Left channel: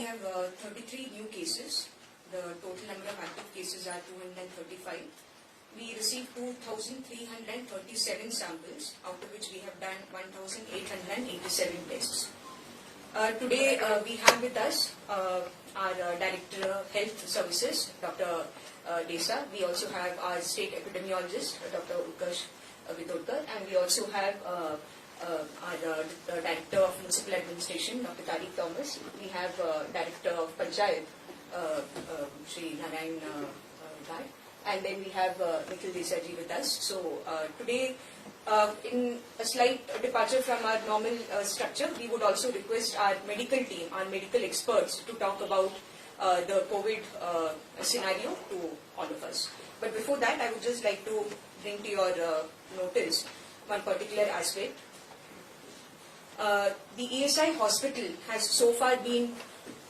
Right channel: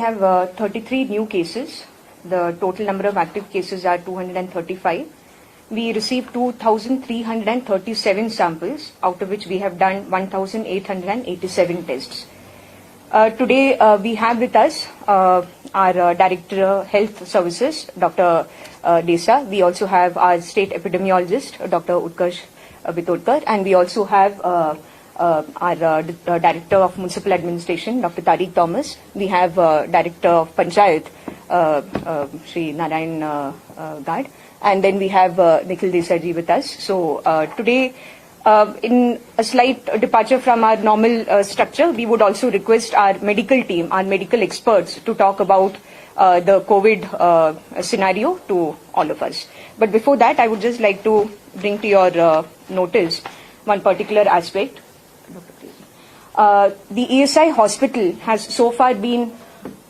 have 33 new cases. The total number of active cases are 235. We received 2,337 samples, out of which we have done 1,887 tests. Today we have with us our Director Health Services, Dr. Desa. We also have our State Epidemiologist, Dr. Utkarsh Bitodkar, and we also have our Director of Municipal Administration, Dr. Tariq Thomas. We have Director of Panchayat, Shri Narayan Gad, and then we have Nikhil Desai with us. So today, in a slight departure from our normal structure, we would also request our medical team, our medical experts, to talk about the COVID scenario to all of us. But before that, I would just like to bring to your notice one particular aspect. The ESI hospital has so far been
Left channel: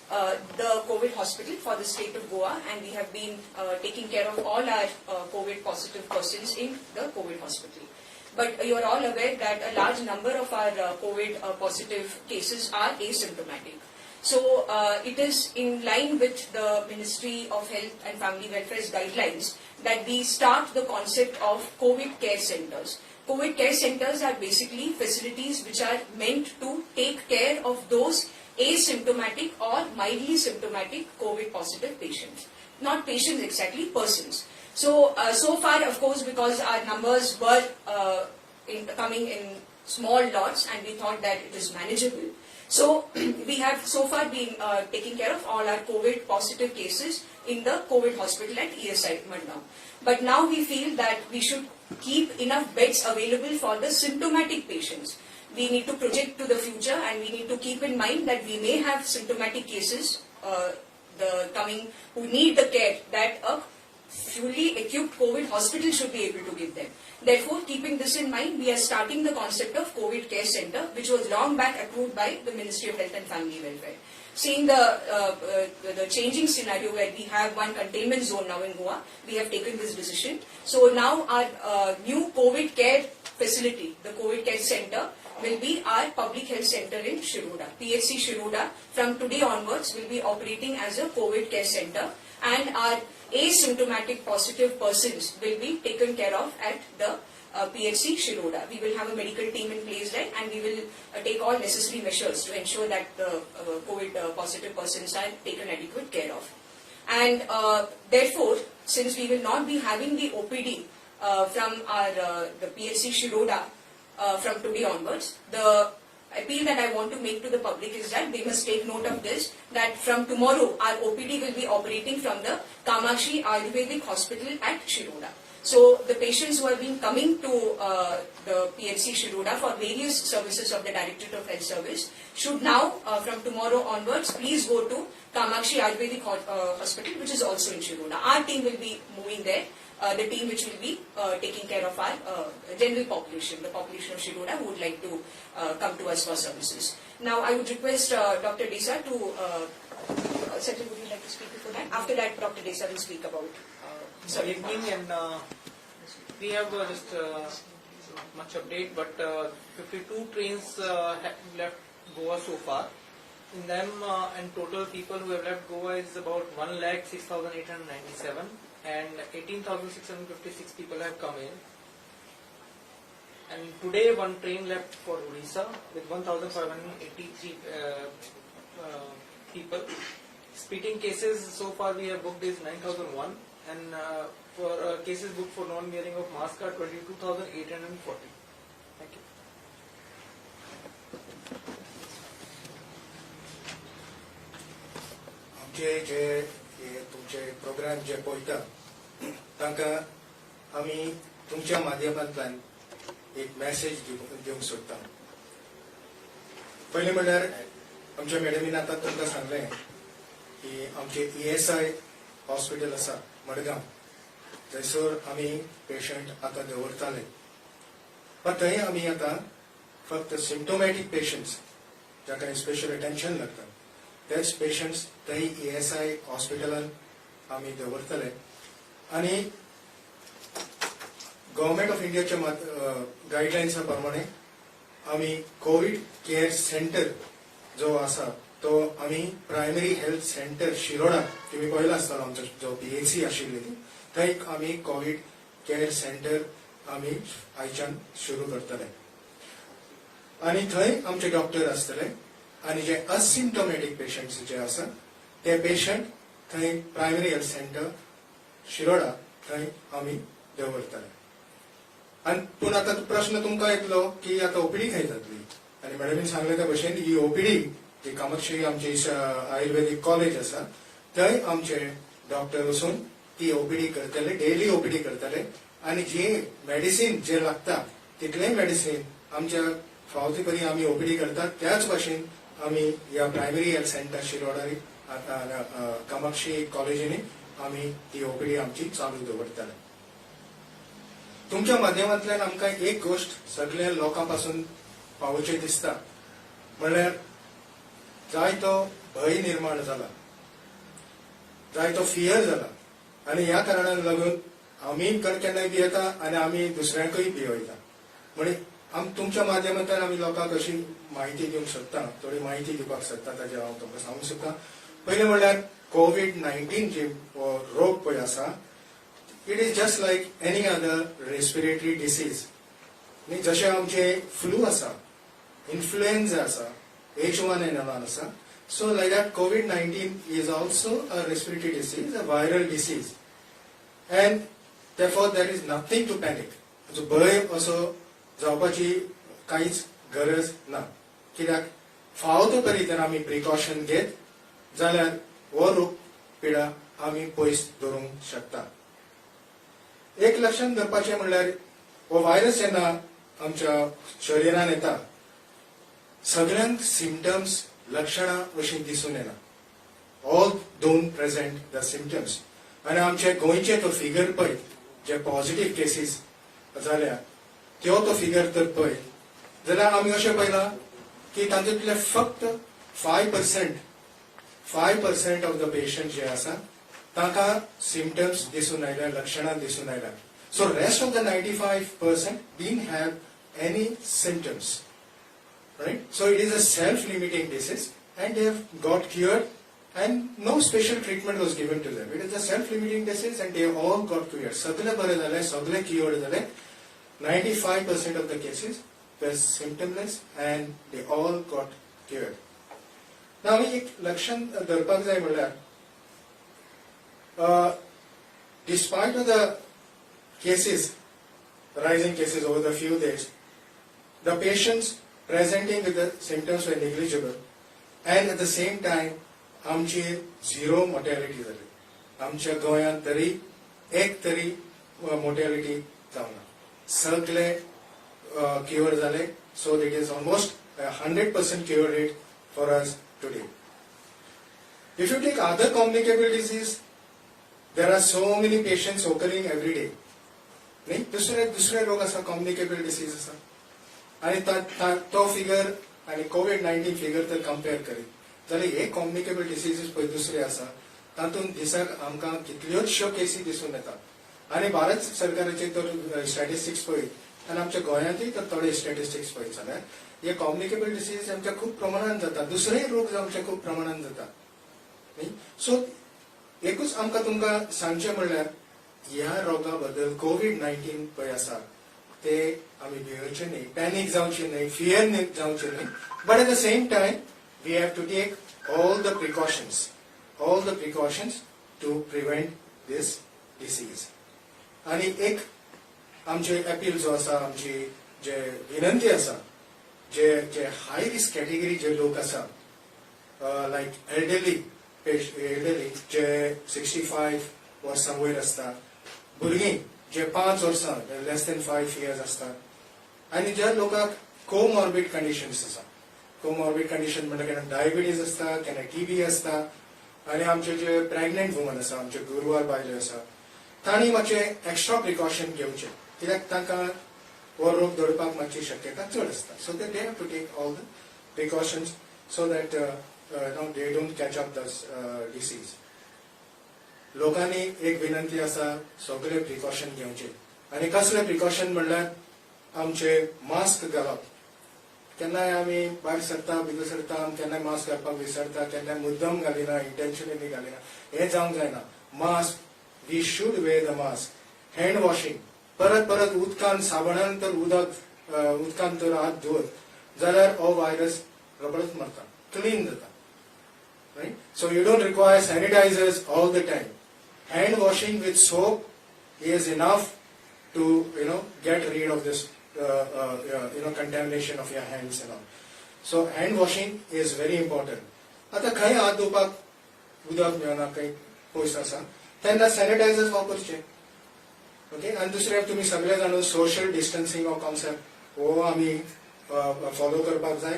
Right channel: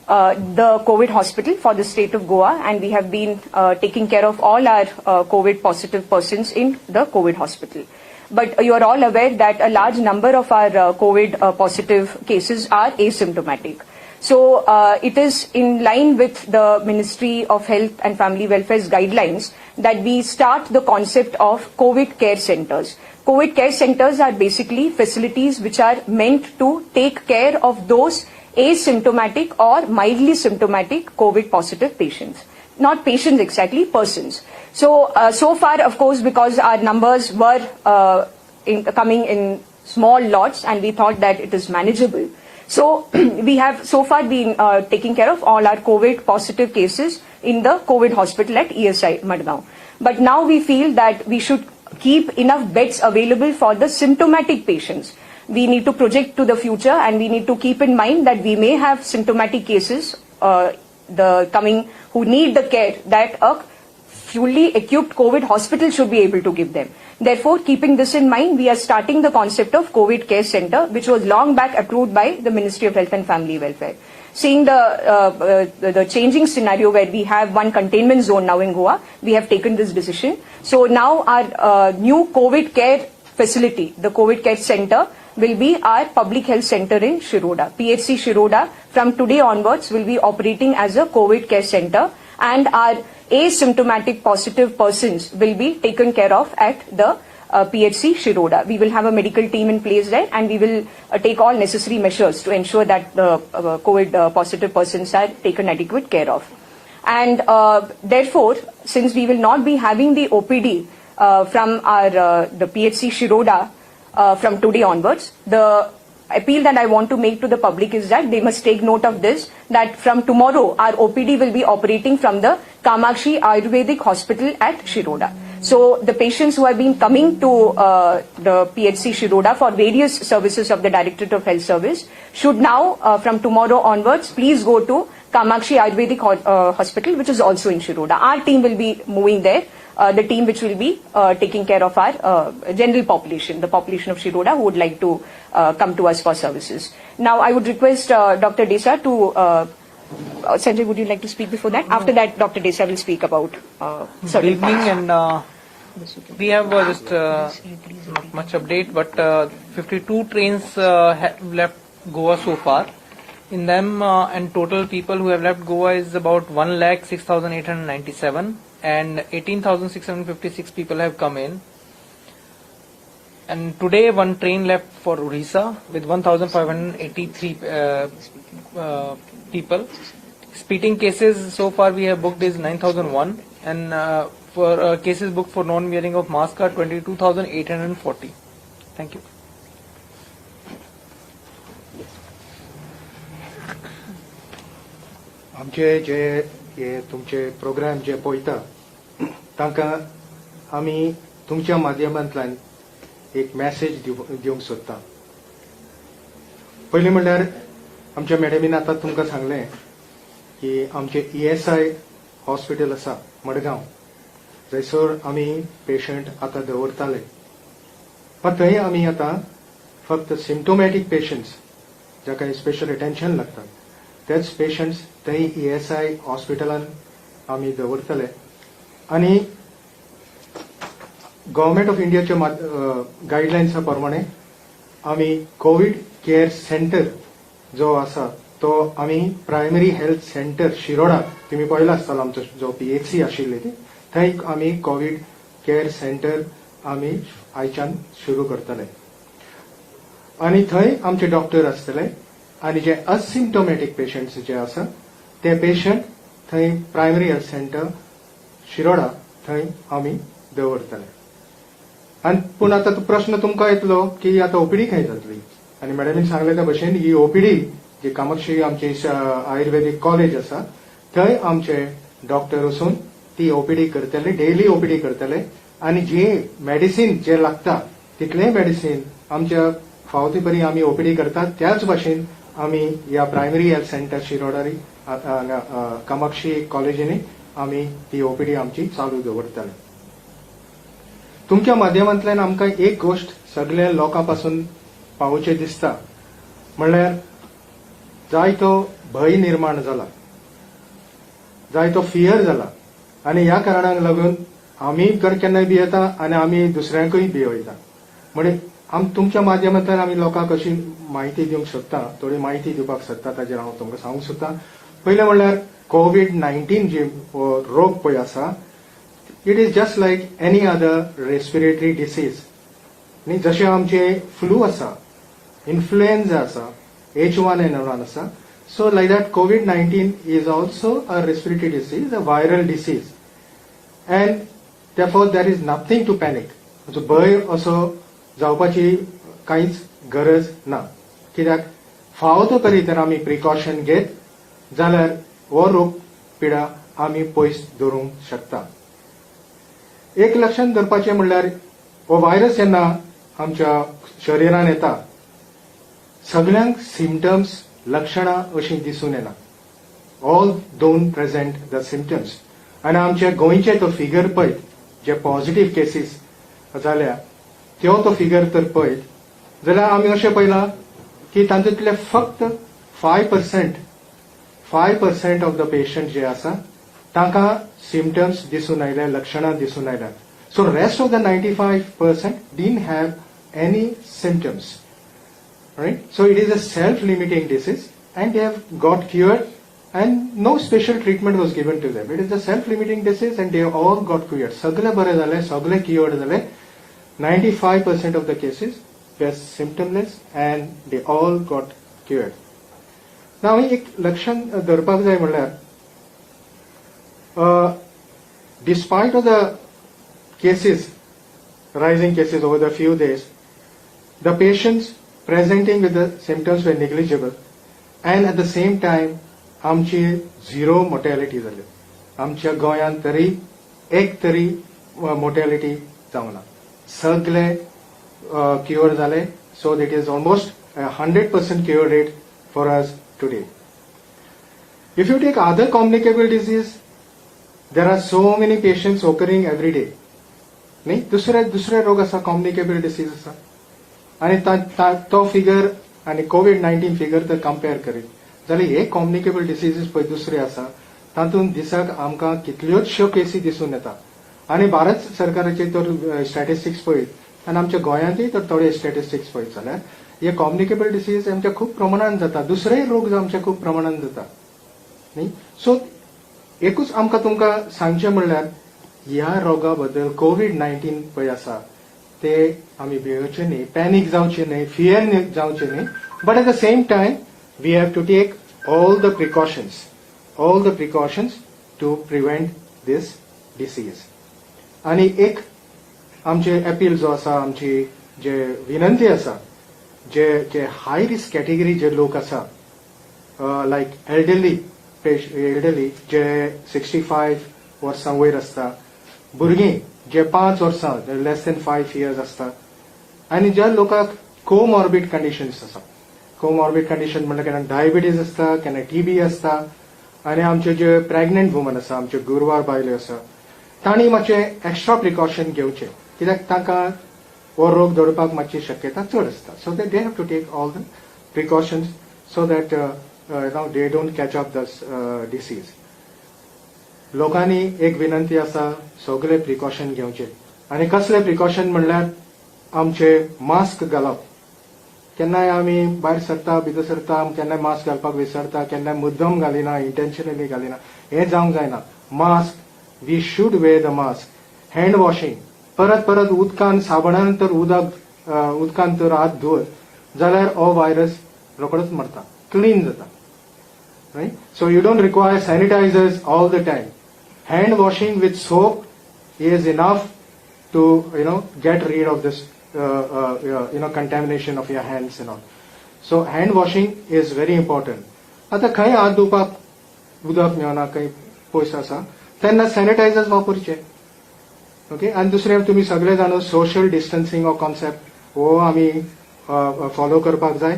the COVID hospital for the state of Goa, and we have been taking care of all our COVID positive persons in the COVID hospital. But you are all aware that a large number of our COVID positive cases are asymptomatic. So it is in line with the Ministry of Health and Family Welfare's guidelines that we start the concept of COVID care centers. COVID care centers are basically facilities which are meant to take care of those asymptomatic or mildly symptomatic COVID positive patients. Not patients exactly, persons. So, so far, of course, because our numbers were coming in small lots and we thought that it is manageable. So, we have so far been taking care of all our COVID positive cases in the COVID hospital at ESI Madgaon. But now we feel that we should keep enough beds available for the symptomatic patients. We need to project to the future, and we need to keep in mind that we may have symptomatic cases who need the care that a fully equipped COVID hospital should be able to give them. Therefore, keeping this in mind, we are starting the concept of COVID care center, which was long back approved by the Ministry of Health and Family Welfare. Seeing the changing scenario where we have one containment zone now in Goa, we have taken this decision. So now our new COVID care facility, the COVID care center, will be our public health center in Shiroda. PHC Shiroda from today onwards will be operating as a COVID care center, and our asymptomatic positive persons will be taken care of at the PHC Shiroda. We will have a medical team in place there, and we will take all necessary measures to ensure that the COVID positive persons are taken adequate care of. And therefore, since we will not be having the OPD from the PHC Shiroda from today onwards, the appeal that I want to make to the public is that they must take note of this, that from tomorrow our OPD will be operating from the Kamakshi Ayurvedic Hospital at Shiroda. So the patients who have been coming to the PHC Shiroda for various services of the Directorate of Health Service should now, from tomorrow onwards, please go to Kamakshi Ayurvedic Hospital, which is also in Shiroda. Our team will be moving there, the team which will be taking care of our general population, the population of Shiroda who would like to come to us for services. Now, I would request Dr. Desa to Sanjay, would you like to speak before that? After that, Dr. Desa will speak about Good evening, and we have just not much update, but 52 trains have left Goa so far. In them, and total people who have left Goa is about 1,06,897, and 18,656 people have come in. And today, one train left for Odisha with 1,583 people. Speeding cases so far we have booked is 9,001, and for cases booked for non-wearing of mask are 22,840. Thank you. आमचे जे तुमचे programme जे पळयता तांकां आमी तुमच्या माध्यमांतल्यान एक message दिवंक सोदता. पयलीं म्हणल्यार आमच्या मॅडमीन आतां तुमकां सांगलें की आमचे ESI हॉस्पिटल आसा मडगांव, थंयसर आमी पेशंट आतां दवरताले. पण थंय आमी आतां फक्त सिम्टोमॅटीक पेशंट्स जाका स्पेशल अटेन्शन लागता तेच पेशंट्स थंय ESI हॉस्पिटलान आमी दवरतले. आनी गव्हर्मेंट ऑफ इंडियाच्या गायडलायन्सा प्रमाणे आमी कोविड केअर सेंटर जो आसा तो आम्ही प्रायमरी हेल्थ सेंटर शिरोडा तुम्ही पळयला आसतलो आमचो जो PHC आशिल्ली ती थंय आम्ही कोविड केअर सेंटर आम्ही आयच्यान सुरू करतले आणि थंय आमचे डॉक्टर आसतले आणि जे असिम्टोमॅटिक पेशंट्स जे आसा ते पेशंट थंय प्रायमरी हेल्थ सेंटर शिरोडा थंय आम्ही दवरतले आणि पूण आता प्रश्न तुमकां येतलो की आता ओपीडी खंय जातली आणि मॅडमीन सांगले त्या भशेन ही ओपीडी जी कामाक्षी आमची आयुर्वेदिक कॉलेज आसा थंय आमचे डॉक्टर वचून ती ओपीडी करतले डेली ओपीडी करतले आणि जे मेडिसीन जे लागता तितलेय मेडिसीन आमच्या फावती परी आम्ही ओपीडी करतात त्याच भाशेन आम्ही या प्रायमरी हेल्थ सेंटर शिरोडारी कामाक्षी कॉलेजीनी आम्ही ती ओपीडी आमची चालू दवरतले तुमच्या माध्यमांतल्यान आमकां एक गोष्ट सगळ्या लोकां पासून पावोवचें दिसता म्हणल्यार जायतो भय निर्माण जाला जायतो फियर जाला आणि ह्या कारणाक लागून आमी केन्नाय भियेता आणि आमी दुसऱ्यांकूय भियेता म्हणजे तुमच्या माध्यमांतल्यान आमी लोकांक अशी माहिती दिवंक सोदता थोडी माहिती दिवपाक सोदता ताजेर हांव तुमकां सांगूंक सोदता पयलें म्हणल्यार COVID-19 जे रोग पळय आसा it is just like any other respiratory disease न्ही जशें आमचे फ्लू आसा इन्फ्लुएन्जा आसा H1N1 आसा so like that COVID-19 is also a respiratory disease a viral disease and therefore there is nothing to panic म्हणजे भय असो जावपाची कांयच गरज ना कित्याक फावतो तरी तर आमी प्रिकॉशन घेत जाल्यार हो रोग पिडा आमी पयस दवरूंक शकता एक लक्षांत दवरपाचें म्हणल्यार हो व्हायरस जेन्ना आमच्या शरिरान येता सगळ्यांक सिम्पटम्स लक्षणां अशी दिसून येना all don't present the symptoms आणि आमचे गोंयचे तो फिगर पळयत जे पॉझिटिव्ह केसीस जाल्या तो फिगर तर पळयत जाल्यार आमी अशें पळयलां की तातूंतले फक्त 5% ऑफ द पेशंट जे आसा तांकां सिम्पटम्स दिसून आयले लक्षणां दिसून आयल्यात so rest of the 95% didn't have any symptoms right so it is a self limiting disease and they have got cured and no special treatment was given to them. It is a self-limiting disease and they all got cured. सगळे बरे झाले, सगळे cured झाले. 95% of the cases were symptomless and they all got cured. Now एक लक्षण धरपाक जाय म्हणल्यार despite of the cases, rising cases over the few days, the patients presenting with the symptoms were negligible and at the same time आमची zero mortality जाली आमच्या गोंयांत तरी एक तरी मोर्टॅलिटी जावना सगळे क्युअर जाले so it is almost 100% cure rate for us today if you take other communicable disease there are so many patients occurring every day न्ही दुसरे रोग आसा कॉम्युनिकेबल डिसीज आसा आणि तो फिगर आणि COVID-19 फिगर तर कंपेर करीत जाल्यार हे कॉम्युनिकेबल डिसीजीस पळय दुसरे आसा तातूंत दिसाक आमकां कितल्योचश्यो केसी दिसून येता आनी भारत सरकाराचे तर स्टॅटिस्टिक्स पळयत आनी आमच्या गोंयांतूय तर थोडे स्टॅटिस्टिक्स पळयत जाल्यार हे कॉम्युनिकेबल डिसीज आमच्या खूब प्रमाणान जाता दुसरेय रोग आमच्या खूब प्रमाणान जाता न्ही सो एकूच आमकां तुमकां सांगचें म्हणल्यार ह्या रोगा बद्दल COVID-19 पळय आसा ते आमी भियेवचे न्ही पॅनीक जावचे न्ही फियर जावचे न्ही but at the same time we have to take all the precautions to prevent this disease. आणि एक आमचे अपील जो आसा आमची जे विनंती आसा जे हाय रिस्क कॅटेगरी जे लोक आसा लायक एल्डरली जे 65 वर्सां वयर आसता भुरगीं जे 5 वर्सां लेस देन 5 years आसता आनी ज्या लोकांक कोमॉर्बिड कंडिशन्स आसा कोमॉर्बिड कंडिशन म्हणल्यार केन्ना डायबिटीज आसता केन्ना TB आसता आनी आमचे जे प्रेग्नंट वुमन आसा आमचे गुरवार बायल्यो आसा तांणी मातशे एक्स्ट्रा प्रिकॉशन घेवचे कित्याक तांकां हो रोग धरपाक मातशी शक्यता चड आसता so they have to take all the precautions so that they don't catch up the disease लोकांनी एक विनंती आसा सगळे प्रिकॉशन घेवचे आनी कसले प्रिकॉशन म्हणल्यार आमचे मास्क घालप केन्नाय आमी भायर सरता भितर सरता केन्नाय मास्क घालपाक विसरता केन्नाय मुद्दम घालिना इंटेन्शनली घालिना हें जावंक जायना mask we should wear the mask hand washing परत परत उदकान साबणान तर उदकान तर हात धुवत जाल्यार हो व्हायरस रोखडोच मरता क्लीन जाता right so you don't require sanitizers all the time hand washing with soap is enough to get rid of this contamination of your hands and all so hand washing is very important आता खंय हात धुवपाक उदक मेळना खंय पयस आसा तेन्ना sanitisers वापरचे okay आनी दुसरें तुमी सगळे जाण सोशल डिस्टन्सिंग हो कॉन्सेप्ट हो आमी फॉलो करपाक जाय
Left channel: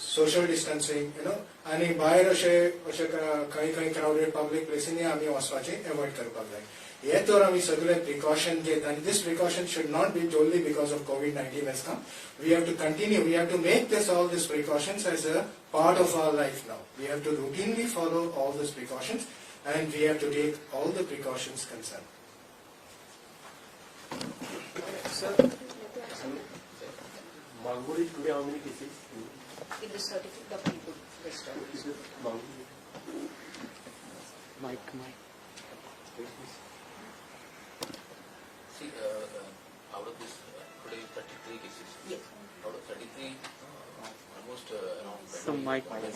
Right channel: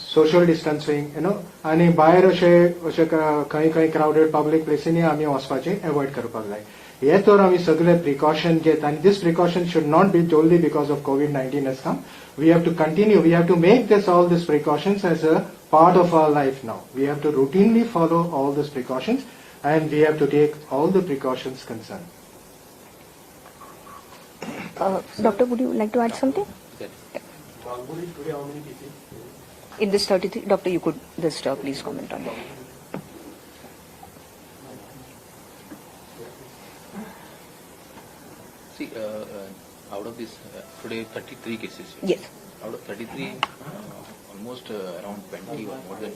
सोशल डिस्टन्सिंग आनी भायर अशें खंय खंय क्राउडेड पब्लीक प्लेसींनी आमी वचपाचें एवॉयड करपाक जाय हे तर आमी सगळे प्रिकॉशन घेत आनी this precaution should not be only because of COVID-19 has come we have to continue we have to make this all these precautions as a part of our life now we have to routinely follow all these precautions and we have to take all the precautions concerned. Doctor, would you like to add something? In this 33, Doctor, you could just please comment on it. See, out of this, today 33 cases. Yes. Out of 33, almost around 20 or more than.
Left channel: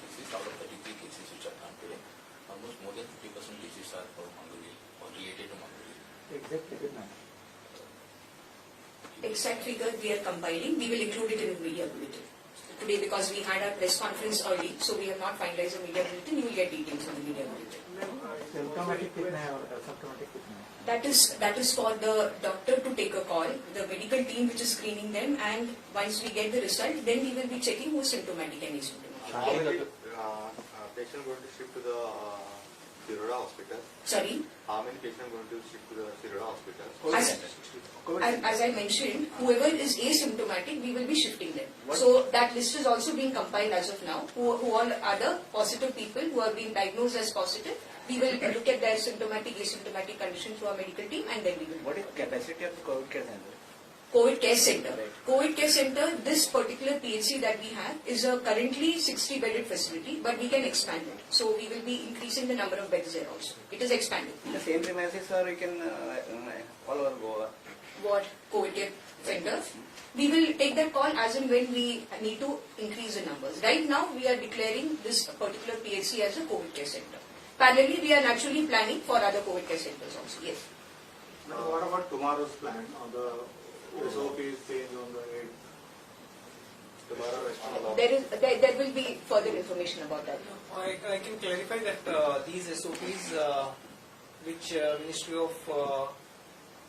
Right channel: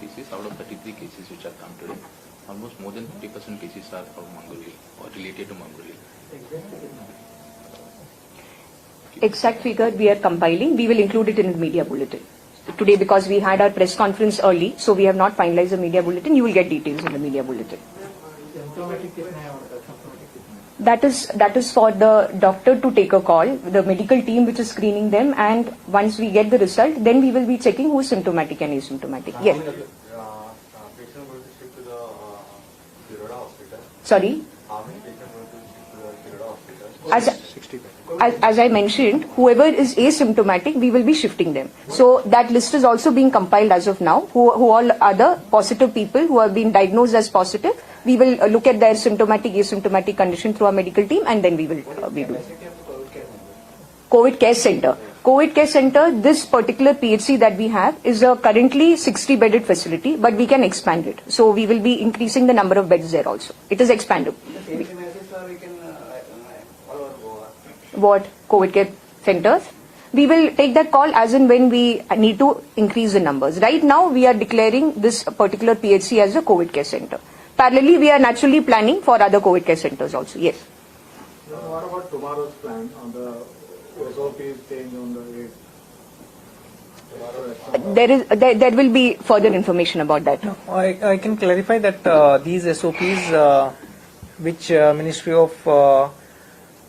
Cases out of 33 cases which are come today, almost more than 50% cases are from Mangauli or related to Mangauli. Exact figure we are compiling. We will include it in the media bulletin. Today, because we had our press conference early, so we have not finalized the media bulletin. You will get details in the media bulletin. That is for the doctor to take a call, the medical team which is screening them, and once we get the result, then we will be checking who is symptomatic and asymptomatic. Yes. Patient going to shift to the Tiroda hospital. Sorry. How many patients going to shift to the Tiroda hospital? As I mentioned, whoever is asymptomatic, we will be shifting them. So that list is also being compiled as of now. Who all are the positive people who have been diagnosed as positive? We will look at their symptomatic, asymptomatic condition through our medical team, and then we will. COVID Care Center. COVID Care Center, this particular PHC that we have is a currently 60-bedded facility, but we can expand it. So we will be increasing the number of beds there also. It is expandable. What? COVID Care Centers? We will take that call as and when we need to increase the numbers. Right now, we are declaring this particular PHC as a COVID Care Center. Parallelly, we are naturally planning for other COVID Care Centers also. Yes. What about tomorrow's plan on the SOP change on the There will be further information about that. I can clarify that these SOPs which Ministry of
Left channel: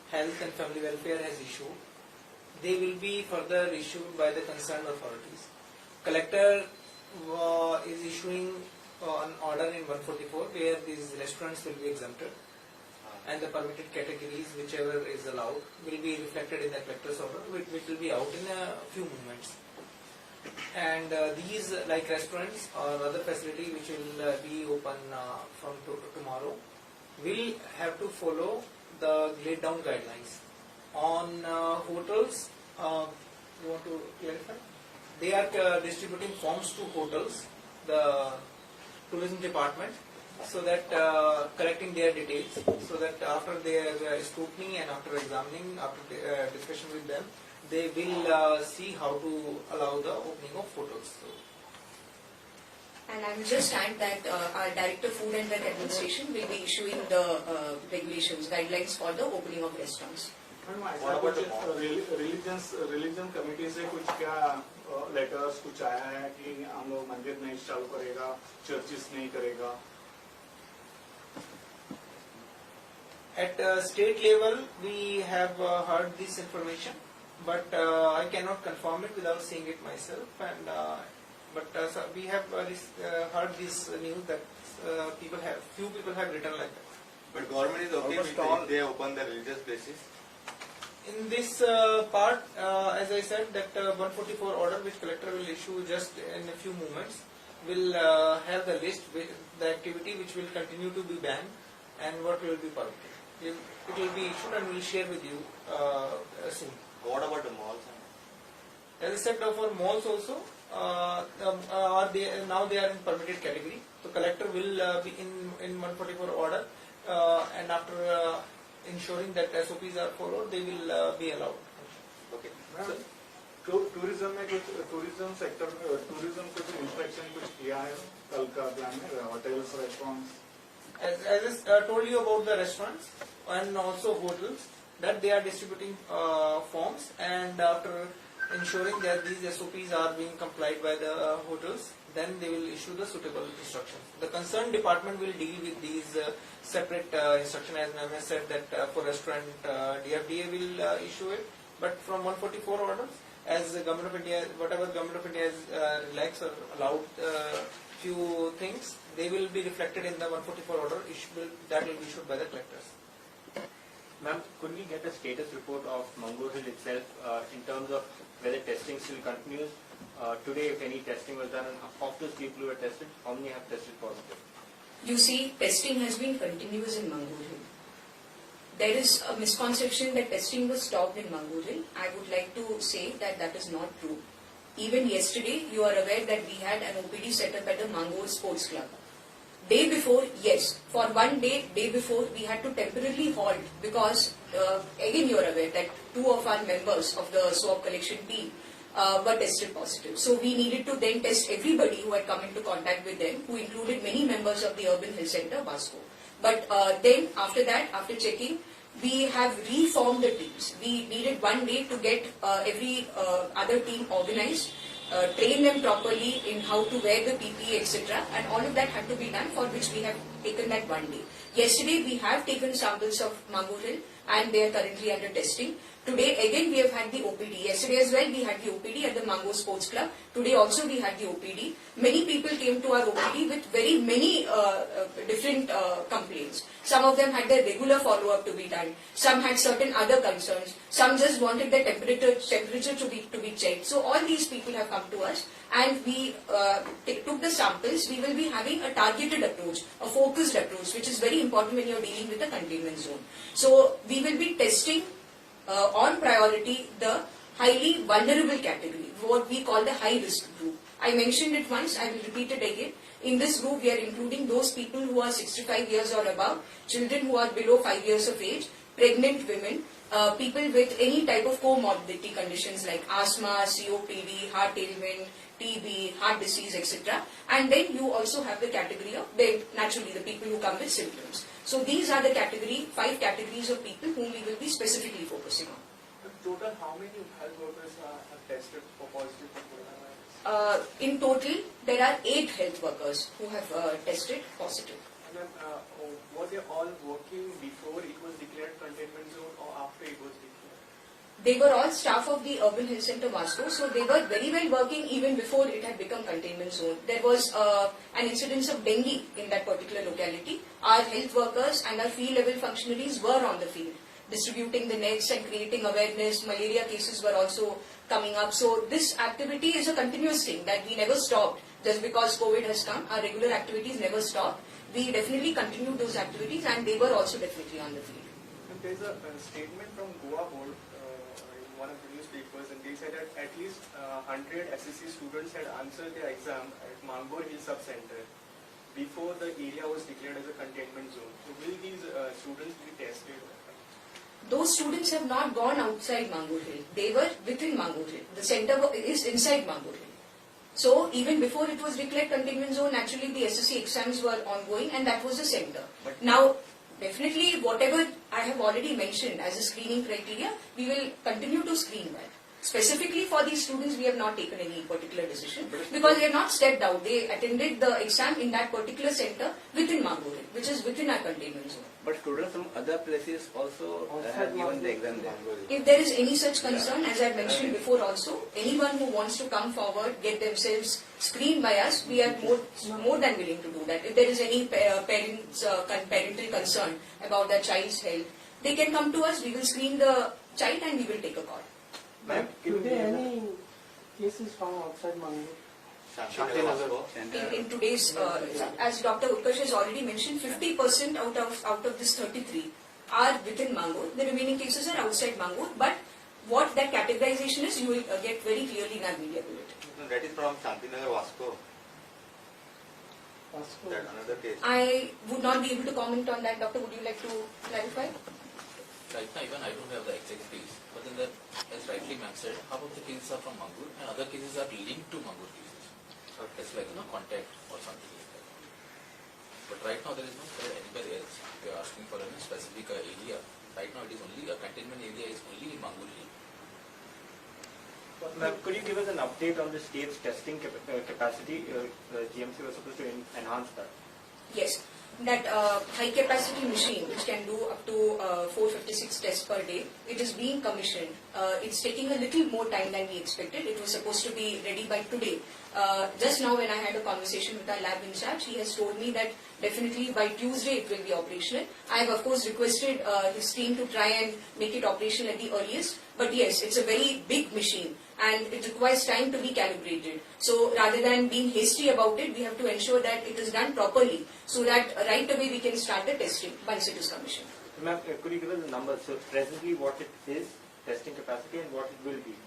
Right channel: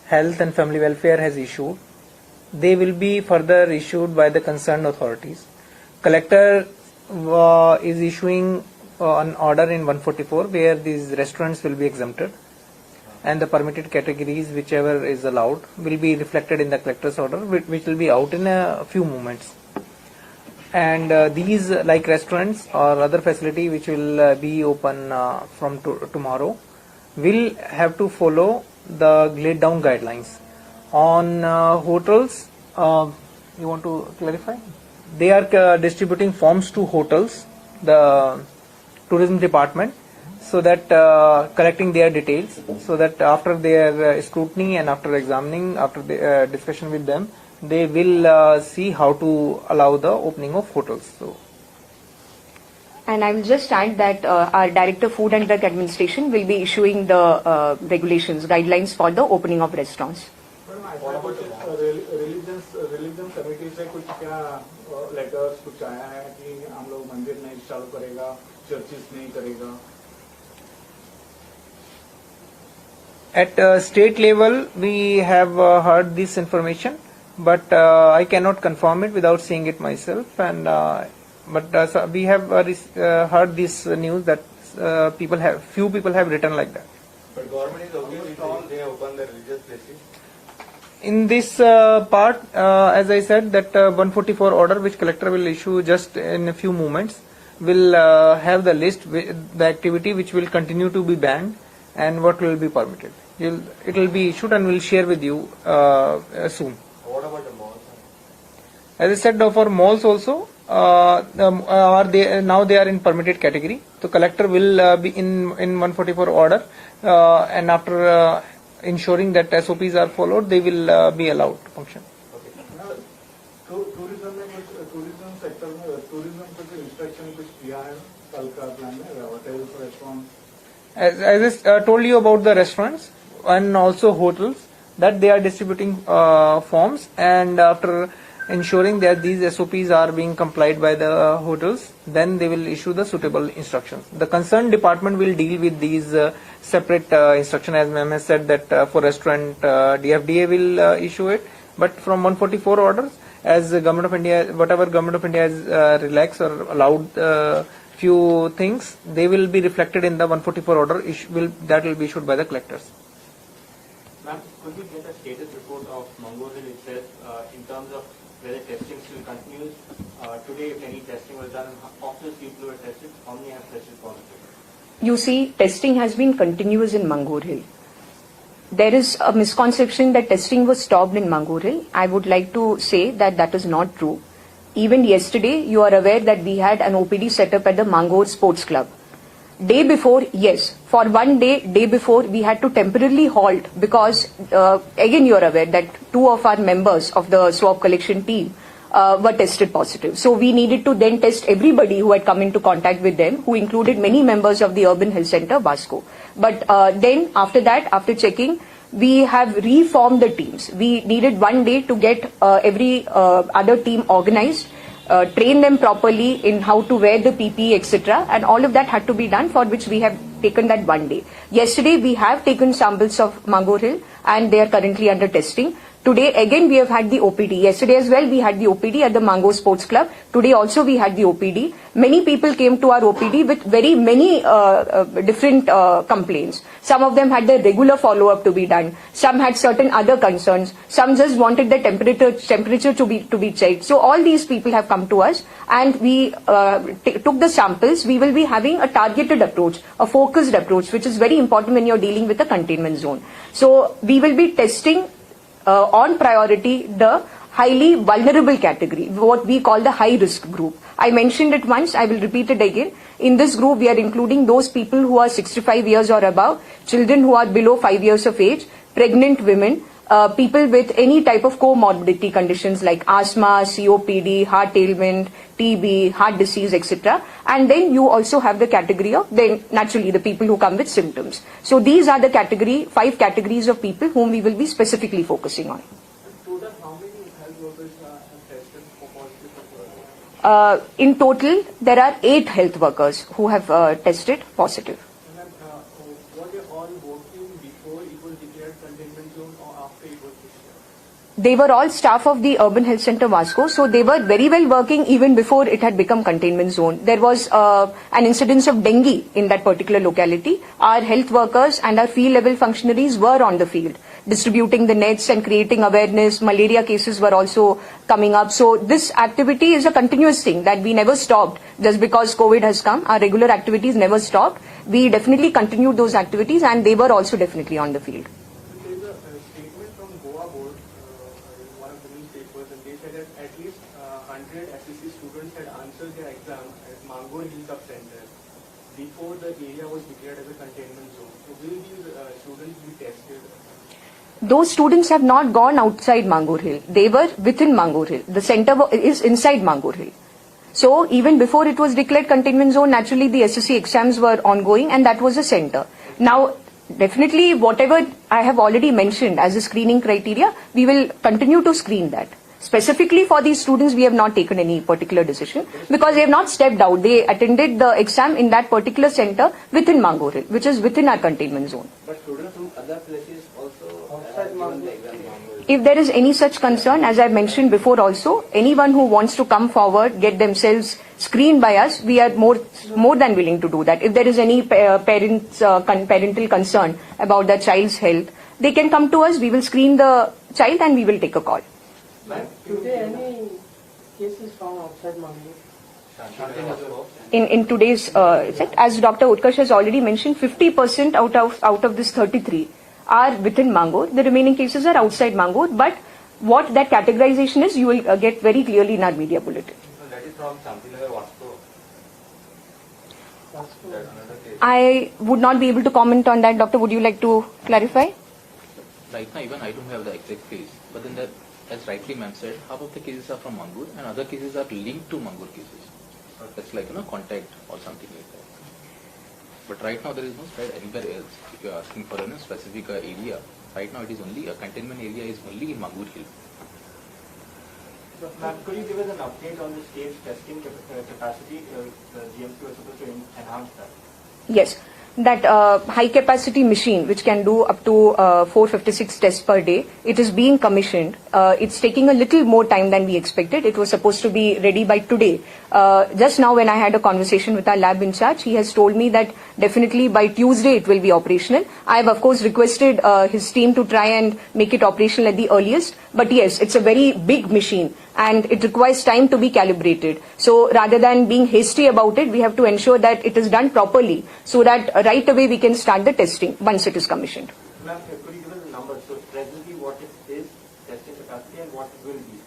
Health and Family Welfare has issued, they will be further issued by the concerned authorities. Collector is issuing an order in 144 where these restaurants will be exempted, and the permitted categories whichever is allowed will be reflected in the collector's order, which will be out in a few moments. And these, like restaurants or other facility which will be open from tomorrow, will have to follow the laid down guidelines. On hotels, you want to clarify? They are distributing forms to hotels, the tourism department, so that collecting their details, so that after their scrutiny and after examining, after the discussion with them, they will see how to allow the opening of hotels. So. And I will just add that our Director Food and Drug Administration will be issuing the regulations, guidelines for the opening of restaurants. Religion committee से कुछ क्या letters कुछ आया है कि हम लोग मंदिर नहीं चालू करेगा, चर्चेस नहीं करेगा? At state level, we have heard this information, but I cannot confirm it without seeing it myself. And so we have heard this news that few people have written like that. But government is opening strong, they open the religious places. in this part, as I said, that 144 order which collector will issue just in a few moments will have the list, the activity which will continue to be banned and what will be permitted. It will be issued and we'll share with you soon. What about the malls? As I said, for malls also, now they are in permitted category. So collector will be in 144 order, and after ensuring that SOPs are followed, they will be allowed to function. Okay. Tourism में कुछ tourism sector में tourism को जो instruction कुछ किया है कल का प्लान में hotels restaurants As I told you about the restaurants and also hotels, that they are distributing forms, and after ensuring that these SOPs are being complied by the hotels, then they will issue the suitable instructions. The concerned department will deal with these separate instructions, as ma'am has said that for restaurant DFDA will issue it, but from 144 orders, as the Government of India, whatever Government of India has relaxed or allowed few things, they will be reflected in the 144 order that will be issued by the collectors. Ma'am, could we get a status report of Mango Hill itself in terms of whether testing still continues? Today, if any testing was done, of those people who were tested, how many have tested positive? You see, testing has been continuous in Mangoor Hill. There is a misconception that testing was stopped in Mangoor Hill. I would like to say that that is not true. Even yesterday, you are aware that we had an OPD set up at the Mangoor Sports Club. Day before, yes, for one day before, we had to temporarily halt because, again, you are aware that 2 of our members of the swab collection team were tested positive. So we needed to then test everybody who had come into contact with them, who included many members of the Urban Health Center, Vasco. But then after that, after checking, we have reformed the teams. We needed one day to get every other team organized, train them properly in how to wear the PPE, etc. And all of that had to be done, for which we have taken that one day. Yesterday, we have taken samples of Mangoor Hill and they are currently under testing. Today, again, we have had the OPD. Yesterday as well, we had the OPD at the Mango Sports Club. Today also, we had the OPD. Many people came to our OPD with very many different complaints. Some of them had their regular follow-up to be done. Some had certain other concerns. Some just wanted their temperature to be checked. So all these people have come to us, and we took the samples. We will be having a targeted approach, a focused approach, which is very important when you're dealing with a containment zone. So we will be testing on priority the highly vulnerable category, what we call the high risk group. I mentioned it once, I will repeat it again. In this group, we are including those people who are 65 years or above, children who are below 5 years of age, pregnant women, people with any type of comorbidity conditions like asthma, COPD, heart ailment, TB, heart disease, etc. And then you also have the category of, then naturally, the people who come with symptoms. So these are the 5 categories of people whom we will be specifically focusing on. Total, how many health workers have tested for positive? In total, there are 8 health workers who have tested positive. And then, were they all working before it was declared containment zone or after it was declared? They were all staff of the Urban Health Center Vasco, so they were very well working even before it had become containment zone. There was an incidence of dengue in that particular locality. Our health workers and our field level functionaries were on the field, distributing the nets and creating awareness. Malaria cases were also coming up. So this activity is a continuous thing that we never stopped just because COVID has come. Our regular activities never stopped. We definitely continued those activities, and they were also definitely on the field. There is a statement from Goa board in one of the newspapers, and they said that at least 100 SSC students had answered their exam at Mango Hill Sub-Center before the area was declared as a containment zone. So will these students be tested? Those students have not gone outside Mangoor Hill. They were within Mangoor Hill. The center is inside Mangoor Hill. So even before it was declared containment zone, naturally the SSC exams were ongoing, and that was a center. Now, definitely whatever I have already mentioned as a screening criteria, we will continue to screen that. Specifically for these students, we have not taken any particular decision because they have not stepped out. They attended the exam in that particular center within Mangoor Hill, which is within our containment zone. But students from other places also have given the exam. If there is any such concern, as I mentioned before also, anyone who wants to come forward, get themselves screened by us, we are more than willing to do that. If there is any parental concern about the child's health, they can come to us. We will screen the child and we will take a call. Is there any cases from outside Mangalore? In today's set, as Dr. Utkarsh has already mentioned, 50% out of this 33 are within Mangalore. The remaining cases are outside Mangalore. But what that categorization is, you will get very clearly in our media bulletin. That is from Shantinagar Vasco. That another case. I would not be able to comment on that. Doctor, would you like to clarify? Right now, even I don't have the exact case, but then that, as rightly ma'am said, half of the cases are from Mangalore and other cases are linked to Mangalore cases. It's like, contact or something like that. But right now there is no spread anywhere else. If you are asking for a specific area, right now it is only, a containment area is only in Mangalore Hill. Ma'am, could you give us an update on the state's testing capacity? The GMC was supposed to enhance that. Yes. That high capacity machine which can do up to 456 tests per day, it is being commissioned. It's taking a little more time than we expected. It was supposed to be ready by today. Just now when I had a conversation with our lab in charge, he has told me that definitely by Tuesday it will be operational. I have of course requested his team to try and make it operational at the earliest. But yes, it's a very big machine and it requires time to be calibrated. So rather than being hasty about it, we have to ensure that it is done properly so that right away we can start the testing once it is commissioned. Ma'am, could you give us the numbers? So presently what it is, testing capacity, and what it will be?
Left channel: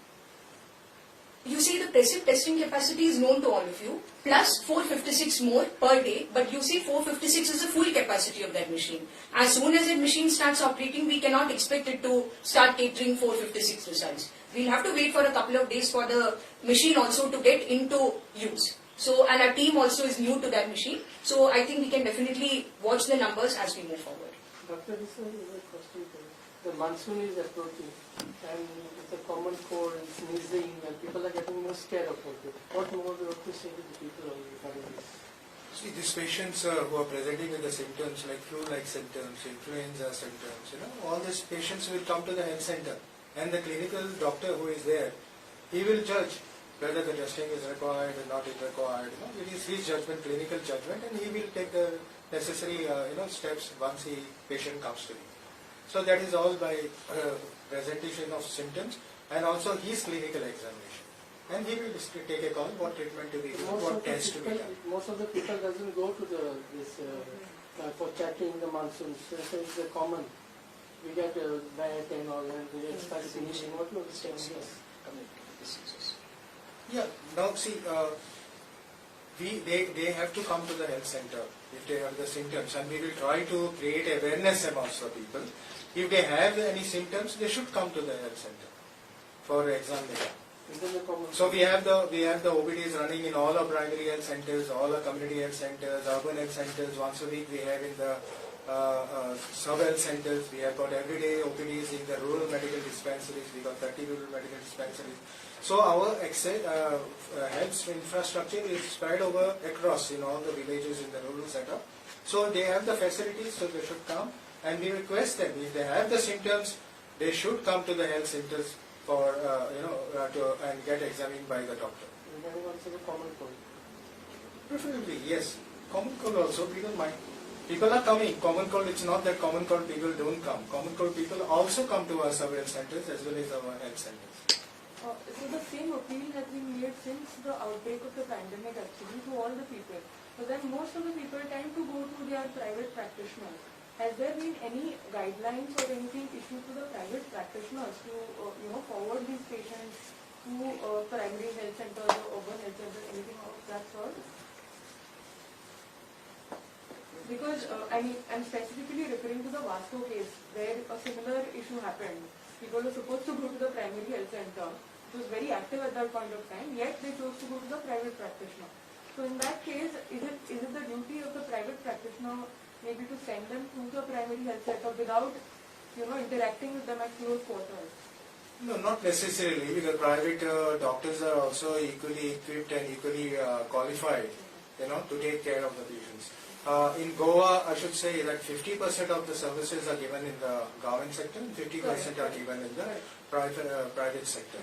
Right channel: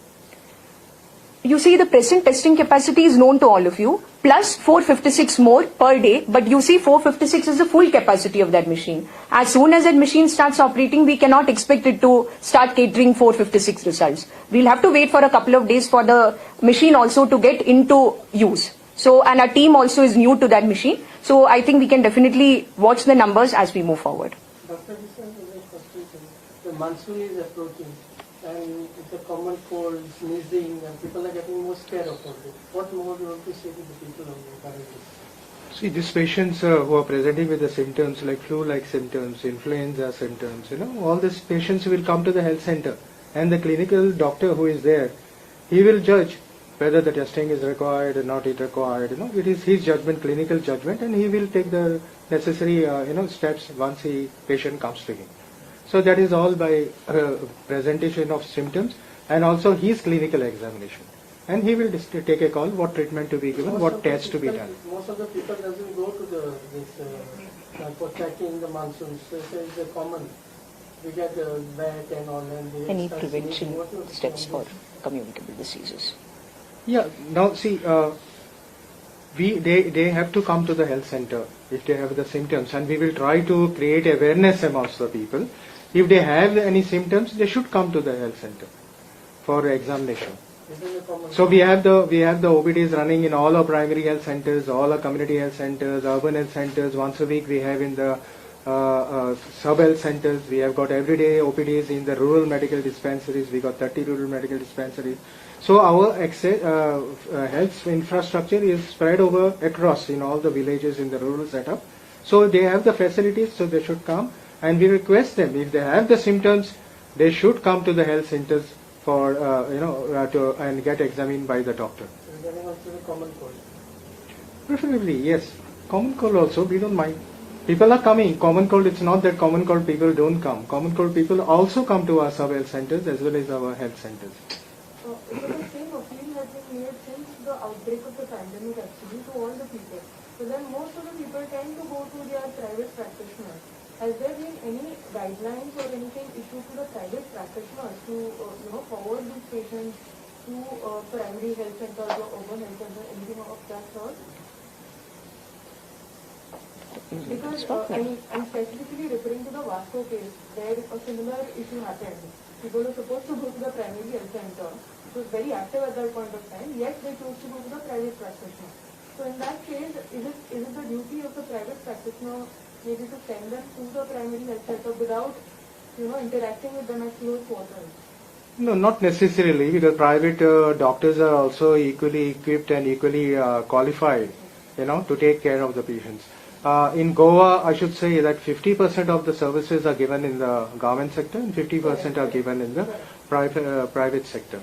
You see, the present testing capacity is known to all of you, plus 456 more per day, but you see 456 is the full capacity of that machine. As soon as that machine starts operating, we cannot expect it to start catering 456 results. We'll have to wait for a couple of days for the machine also to get into use. So, and our team also is new to that machine. So I think we can definitely watch the numbers as we move forward. Doctor, this is very frustrating. The monsoon is approaching and the common cold, sneezing, and people are getting more scared of it. What more do you want to say to the people on the families? See, these patients who are presenting with the symptoms like flu-like symptoms, influenza symptoms, all these patients will come to the health center, and the clinical doctor who is there, he will judge whether the testing is required or not required. It is his judgment, clinical judgment, and he will take the necessary steps once the patient comes to him. So that is all by presentation of symptoms and also his clinical examination. And he will take a call what treatment to be given, what tests to be done. Most of the people doesn't go to for checking in the monsoons. This is common. We get wet and all. And Any prevention steps for communicable diseases? Yeah, now see, they have to come to the health center if they have the symptoms, and we will try to create awareness amongst the people. If they have any symptoms, they should come to the health center for examination. So we have the OPDs running in all our primary health centers, all our community health centers, urban health centers. Once a week we have in the sub-health centers. We have got everyday OPDs in the rural medical dispensaries. We got 30 rural medical dispensaries. So our health infrastructure is spread over across in all the villages in the rural setup. So they have the facilities, so they should come. And we request them, if they have the symptoms, they should come to the health centers for and get examined by the doctor. And then also the common cold. Preferably, yes. Common cold also, we don't mind. People are coming. Common cold, it's not that common cold people don't come. Common cold people also come to our sub-health centers as well as our health centers. So the same appeal has been made since the outbreak of the pandemic actually to all the people. So then most of the people tend to go to their private practitioners. Has there been any guidelines or anything issued to the private practitioners to forward these patients to primary health centers or urban health centers, anything of that sort? Because I'm specifically referring to the Vasco case where a similar issue happened. People were supposed to go to the primary health center, which was very active at that point of time, yet they chose to go to the private practitioner. So in that case, is it the duty of the private practitioner maybe to send them to the primary health center without interacting with them at close quarters? No, not necessarily, because private doctors are also equally equipped and equally qualified, to take care of the patients. In Goa, I should say that 50% of the services are given in the government sector and 50% are given in the private sector.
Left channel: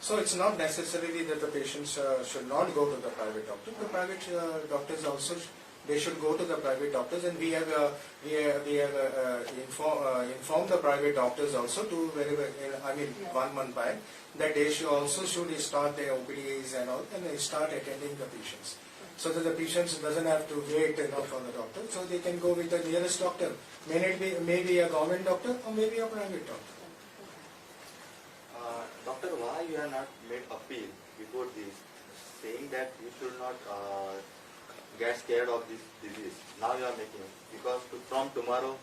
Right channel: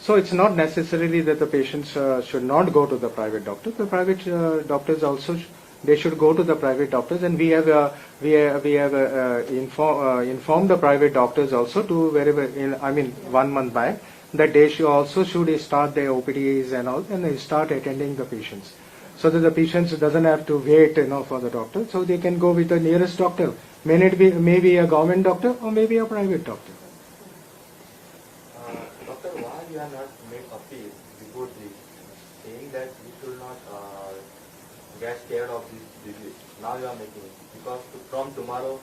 So it's not necessarily that the patients should not go to the private doctor. The private doctors also they should go to the private doctors, and we have informed the private doctors also to wherever 1 month back that they should start their OPDs and all, and they start attending the patients, so that the patients doesn't have to wait for the doctor, so they can go with the nearest doctor. Maybe a government doctor or maybe a private doctor. Doctor, why you have not made appeal before this, saying that you should not get scared of this disease? Now you are making it, because from tomorrow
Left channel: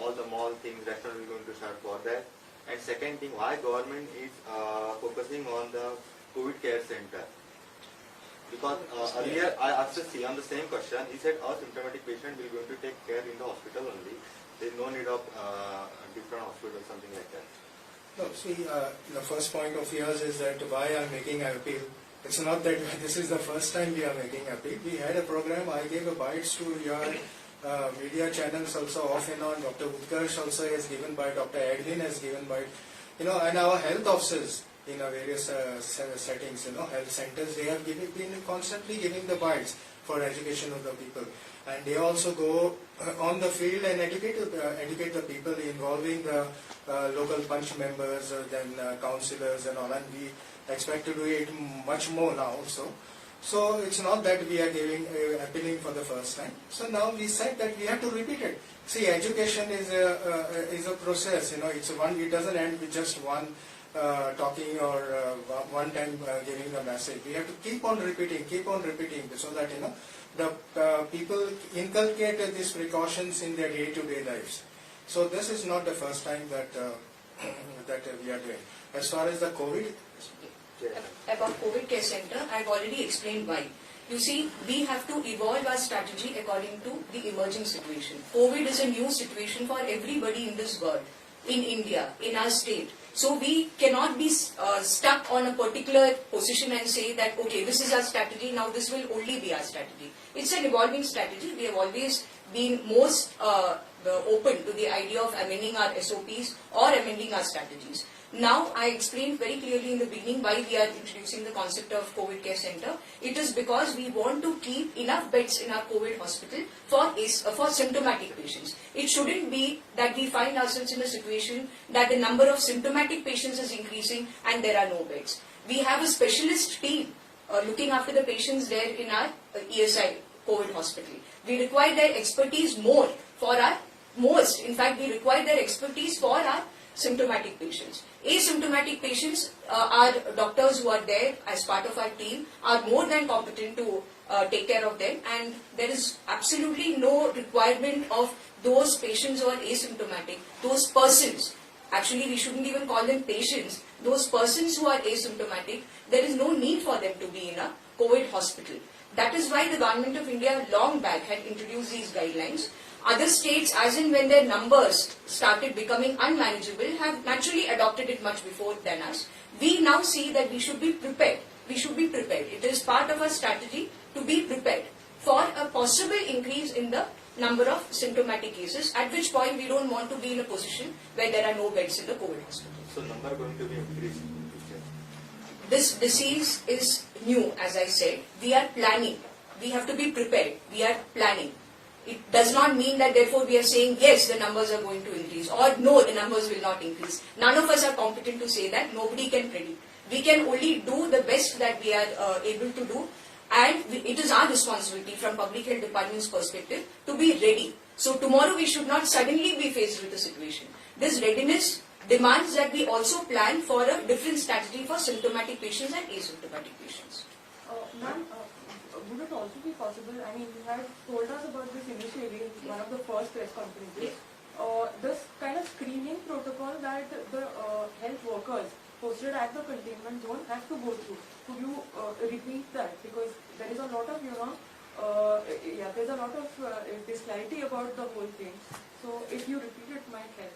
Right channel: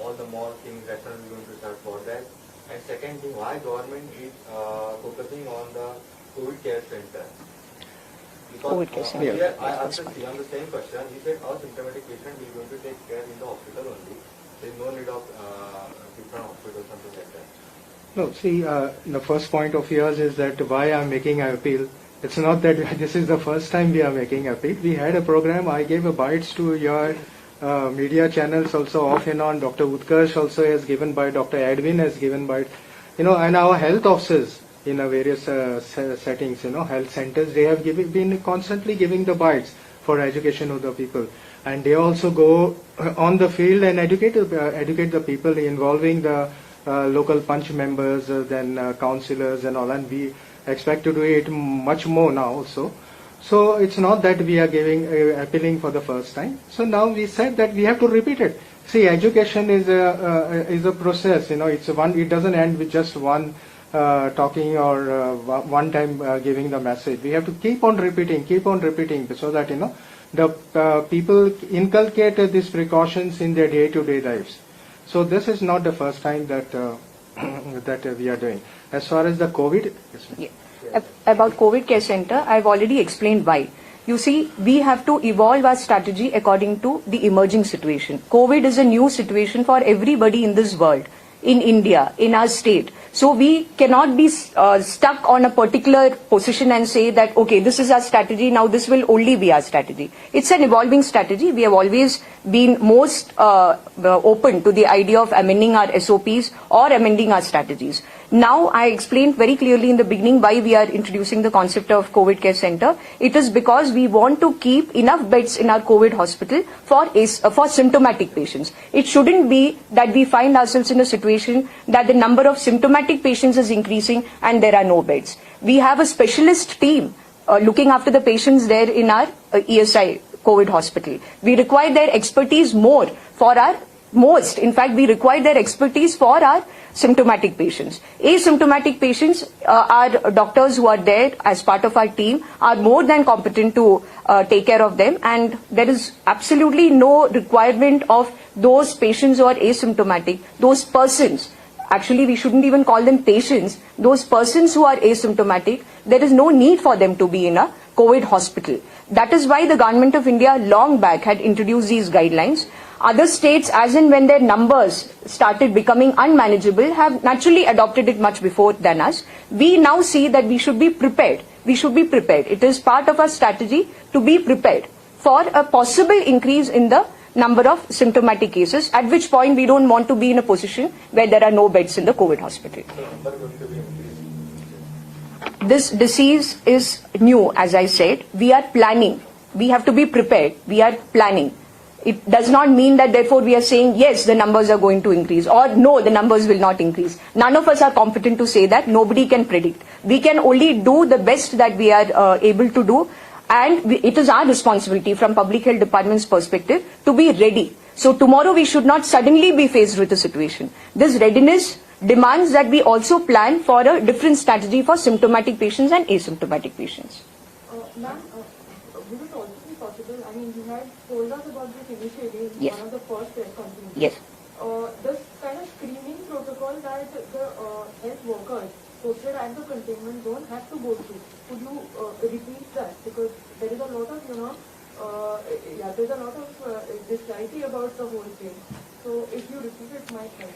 all the mall things, restaurants are going to start for that. And second thing, why government is focusing on the COVID care center? Because here I asked on the same question, he said our symptomatic patient we are going to take care in the hospital only. There is no need of different hospital or something like that. No, see, the first point of yours is that why I'm making an appeal. It's not that this is the first time we are making appeal. We had a program, I gave a bites to your media channels also off and on. Dr. Utkarsh also has given by, Dr. Edwin has given by, and our health officers in various settings, health centers, they have been constantly giving the bites for education of the people. And they also go on the field and educate the people, involving the local punch members, then councillors and all, and we expect to do it much more now also. So it's not that we are appealing for the first time. So now we said that we have to repeat it. See, education is a process. It doesn't end with just one talking or one time giving the message. We have to keep on repeating, so that the people inculcate these precautions in their day-to-day lives. So this is not the first time that that we are doing. As far as the COVID, about COVID care center, I've already explained why. You see, we have to evolve our strategy according to the emerging situation. COVID is a new situation for everybody in this world, in India, in our state. So we cannot be stuck on a particular position and say that, okay, this is our strategy, now this will only be our strategy. It's an evolving strategy. We have always been most open to the idea of amending our SOPs or amending our strategies. Now, I explained very clearly in the beginning why we are introducing the concept of COVID care center. It is because we want to keep enough beds in our COVID hospital for symptomatic patients. It shouldn't be that we find ourselves in a situation that the number of symptomatic patients is increasing and there are no beds. We have a specialist team looking after the patients there in our ESI COVID hospital. We require their expertise more for our most. In fact, we require their expertise for our symptomatic patients. Asymptomatic patients, our doctors who are there as part of our team are more than competent to take care of them, and there is absolutely no requirement of those patients who are asymptomatic, those persons. Actually, we shouldn't even call them patients. Those persons who are asymptomatic, there is no need for them to be in a COVID hospital. That is why the Government of India long back had introduced these guidelines. Other states, as in when their numbers started becoming unmanageable, have naturally adopted it much before than us. We now see that we should be prepared. We should be prepared. It is part of our strategy to be prepared for a possible increase in the number of symptomatic cases, at which point we don't want to be in a position where there are no beds in the COVID hospital. This disease is new, as I said. We are planning. We have to be prepared. We are planning. It does not mean that therefore we are saying yes, the numbers are going to increase, or no, the numbers will not increase. None of us are competent to say that. Nobody can predict. We can only do the best that we are able to do, and it is our responsibility from Public Health Department's perspective to be ready. So tomorrow we should not suddenly be faced with a situation. This readiness demands that we also plan for a different strategy for symptomatic patients and asymptomatic patients. Ma'am, would it also be possible, I mean, you had told us about this initiative in one of the first press conferences. Yes. This kind of screening protocol that the health workers posted at the containment zone have to go through. Could you repeat that? Because there is a lot of, there's a lot of disparity about the whole thing. So if you repeat it, might help.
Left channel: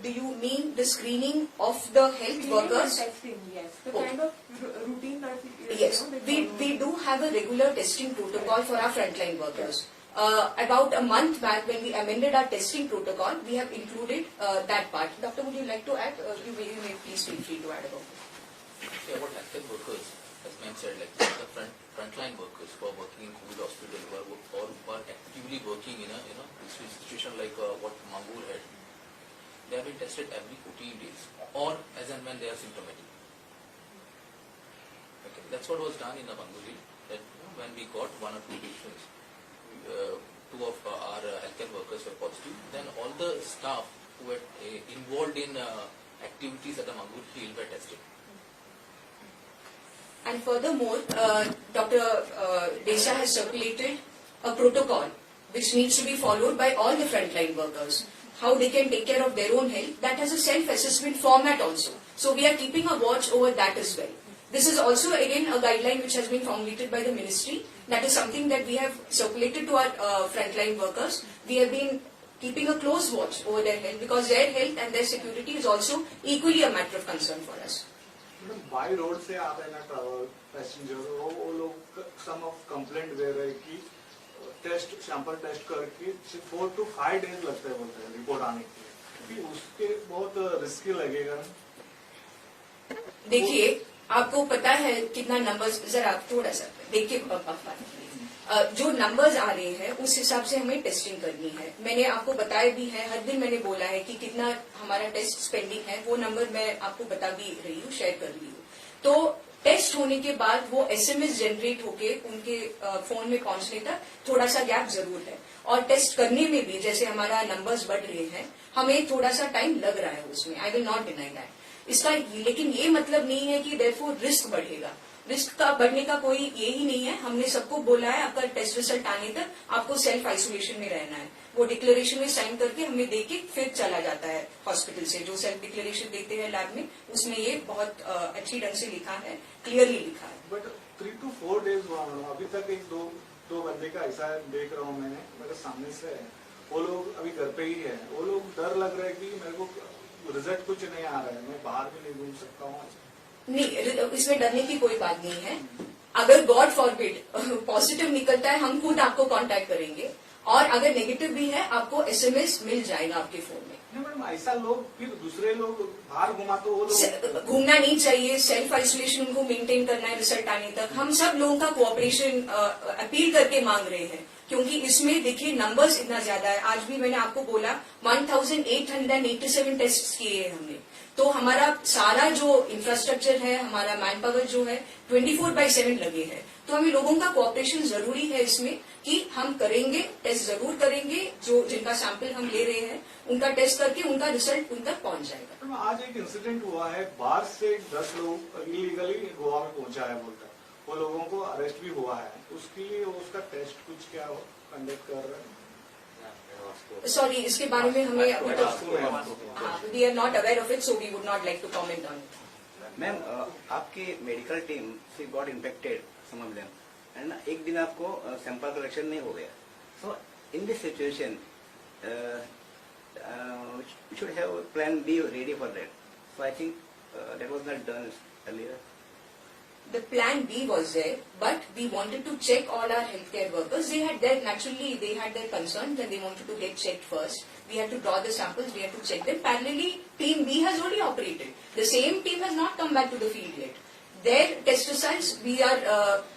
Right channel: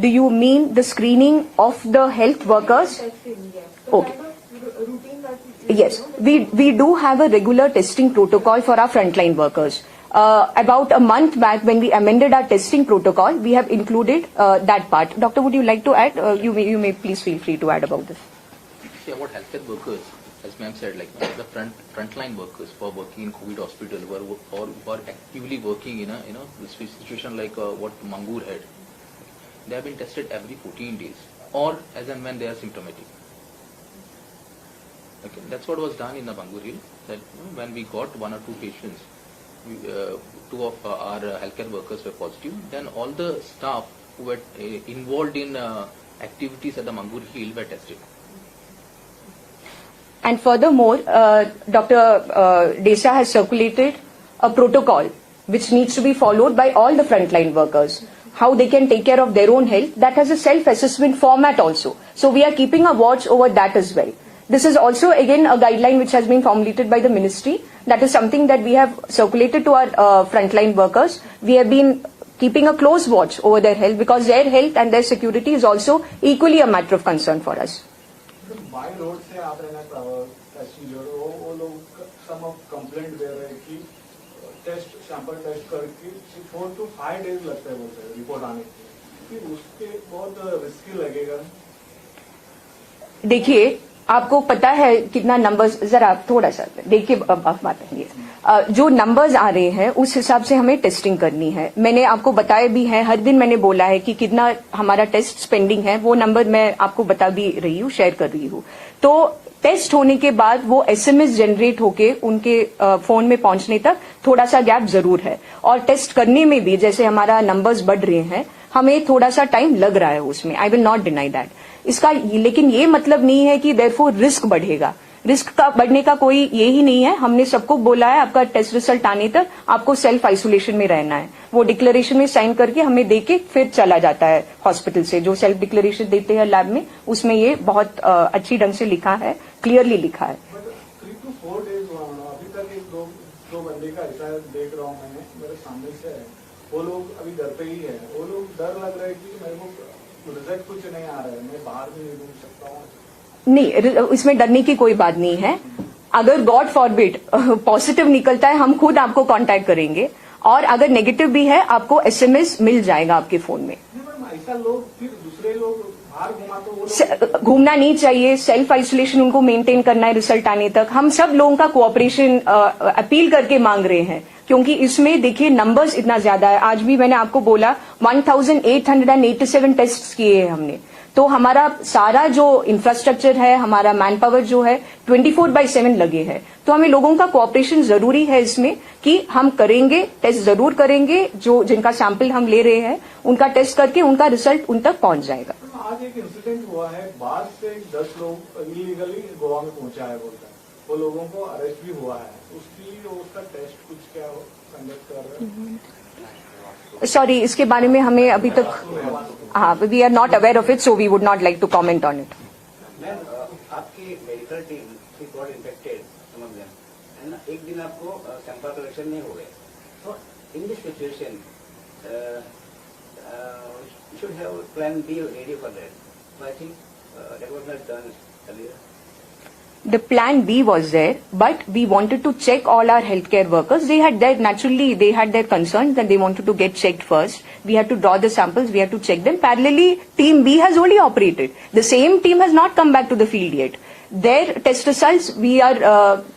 Do you mean the screening of the health workers? Testing, yes. The Okay. kind of routine that Yes, we do have a regular testing protocol for our frontline workers. About a month back, when we amended our testing protocol, we have included that part. Doctor, would you like to add? You may please feel free to add about this. See, about healthcare workers, as ma'am said, like the frontline workers who are working in COVID hospital, who are actively working in a situation like what Mangur had, they have been tested every 14 days, or as and when they are symptomatic. Okay, that's what was done in the Mangur Hill. That when we got 1 or 2 patients, two of our healthcare workers were positive. Then all the staff who were involved in activities at the Mangur Hill were tested. And furthermore, Dr. Desa has circulated a protocol which needs to be followed by all the frontline workers, how they can take care of their own health. That has a self-assessment format also. So we are keeping a watch over that as well. This is also again a guideline which has been formulated by the ministry. That is something that we have circulated to our frontline workers. We have been keeping a close watch over their health because their health and their security is also equally a matter of concern for us. By road से आते हैं ना passenger वो लोग सम of complaint दे रहे हैं कि test sample test करके 4 to 5 days लगते हैं बोलते हैं रिपोर्ट आने के लिए, उसके बहुत रिस्की लगेगा। देखिए, आपको पता है कितना नंबर्स, जरा थोड़ा सा देखिए, बात है जो नंबर्स आ रहे हैं उस हिसाब से हमें टेस्टिंग करनी है। मैंने आपको बताया भी है, हर दिन मैंने बोला है कि कितना हमारा टेस्ट स्पेंडिंग है, वो नंबर मैं आपको बता भी रही हूँ, शेयर कर रही हूँ। तो टेस्ट होने के बाद वो एसएमएस जनरेट होके उनके फोन में पहुंचने तक थोड़ा सा गैप जरूर है, और टेस्ट करने में भी जैसे हमारा नंबर्स बढ़ रहे हैं, हमें थोड़ा सा टाइम लग रहा है उसमें, I will not deny that. इसका लेकिन ये मतलब नहीं है कि देयरफॉर रिस्क बढ़ेगा। रिस्क का बढ़ने का कोई ये ही नहीं है। हमने सबको बोला है आपका टेस्ट रिजल्ट आने तक आपको सेल्फ आइसोलेशन में रहना है। वो डिक्लेरेशन में साइन करके हमें देके फिर चला जाता है हॉस्पिटल से। जो सेल्फ डिक्लेरेशन देते हैं लैब में, उसमें ये बहुत अच्छी ढंग से लिखा है, क्लियरली लिखा है। 3 to 4 days अभी तक एक दो बंदे का ऐसा देख रहा हूँ मैंने, मेरे सामने से है, वो लोग अभी घर पे ही है। वो लोग डर लग रहा है कि मेरे को रिजल्ट कुछ नहीं आ रहा है, मैं बाहर भी नहीं घूम सकता हूँ। नहीं, इसमें डरने की कोई बात नहीं है। अगर गॉड फॉरबिड पॉजिटिव निकलता है, हम खुद आपको कांटेक्ट करेंगे, और अगर नेगेटिव भी है आपको एसएमएस मिल जाएगा आपके फोन में। ऐसा लोग फिर दूसरे लोग बाहर घुमा तो वो लोग घूमना नहीं चाहिए, सेल्फ आइसोलेशन उनको मेंटेन करना है रिजल्ट आने तक। हम सब लोगों का कोऑपरेशन अपील करके मांग रहे हैं, क्योंकि इसमें देखिए नंबर्स इतना ज्यादा है। आज भी मैंने आपको बोला 1887 टेस्ट किए हैं हमने। तो हमारा सारा जो इंफ्रास्ट्रक्चर है, हमारा मैन पावर जो है 24/7 लगे हैं। तो हमें लोगों का कोऑपरेशन जरूरी है इसमें, कि हम करेंगे, टेस्ट जरूर करेंगे। जो जिनका सैंपल हम ले रहे हैं उनका टेस्ट करके उनका रिजल्ट उन तक पहुंच जाएगा। आज एक इंसिडेंट हुआ है, बाहर से 10 लोग इलीगली गोवा में पहुंचा है बोलकर, वो लोगों को अरेस्ट भी हुआ है। उसके लिए उसका टेस्ट कुछ क्या कंडक्ट कर रहा है? सॉरी, इसके बारे में हमें अभी तक we are not aware of it, so we would not like to comment on it. Ma'am, आपकी मेडिकल टीम गॉट इन्फेक्टेड, समझ लें, है ना, एक दिन आपको सैंपल कलेक्शन नहीं हो गया। So in this situation you should have plan B ready for that. So I think that was not done earlier. The plan B was there, but we wanted to check all our healthcare workers. They had their concerns that they wanted to get checked first. We had to draw the samples, we had to check them. Parallelly, team B has only operated. The same team has not come back to the field yet. Their test results,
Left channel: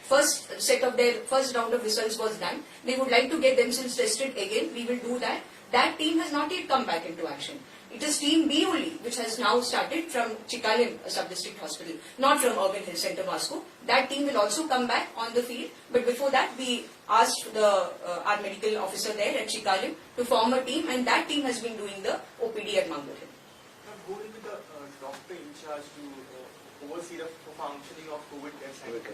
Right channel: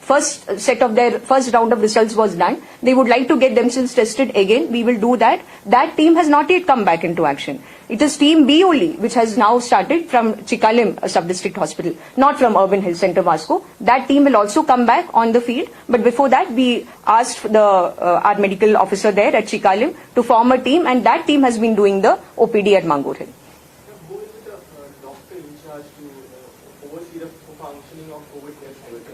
first round of results was done. They would like to get themselves tested again. We will do that. That team has not yet come back into action. It is team B only which has now started from Chikalim Sub-District Hospital, not from Urban Health Center Vasco. That team will also come back on the field. But before that, we asked our medical officer there at Chikalim to form a team, and that team has been doing the OPD at Mangur Hill. Who is the doctor in charge to oversee the functioning of COVID care center?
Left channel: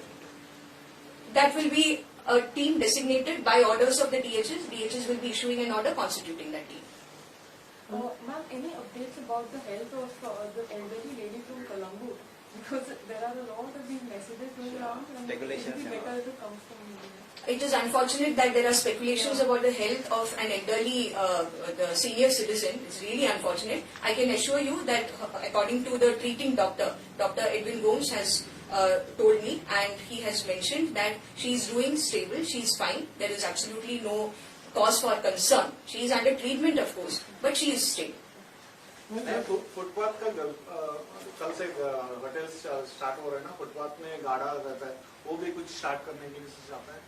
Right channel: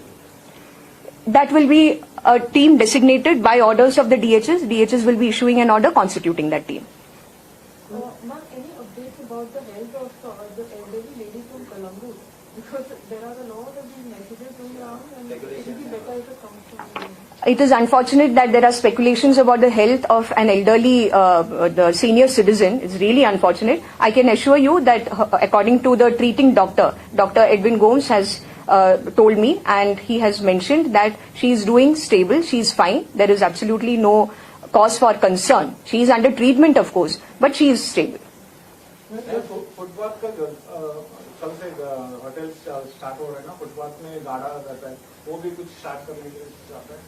That will be a team designated by orders of the DHS. DHS will be issuing an order constituting that team. Ma'am, any updates about the health of the elderly lady from Colombo? Because there are a lot of these messages going around, and it would be better to come from you. It is unfortunate that there are speculations about the health of an elderly, the senior citizen. It's really unfortunate. I can assure you that according to the treating doctor, Dr. Edwin Gomes has told me, and he has mentioned that she is doing stable, she is fine. There is absolutely no cause for concern. She is under treatment, of course, but she is stable. Footpath का कल से hotel start हो रहा है ना, footpath में गाड़ा रहता है, वो भी कुछ स्टार्ट करने के लिए चाहता है.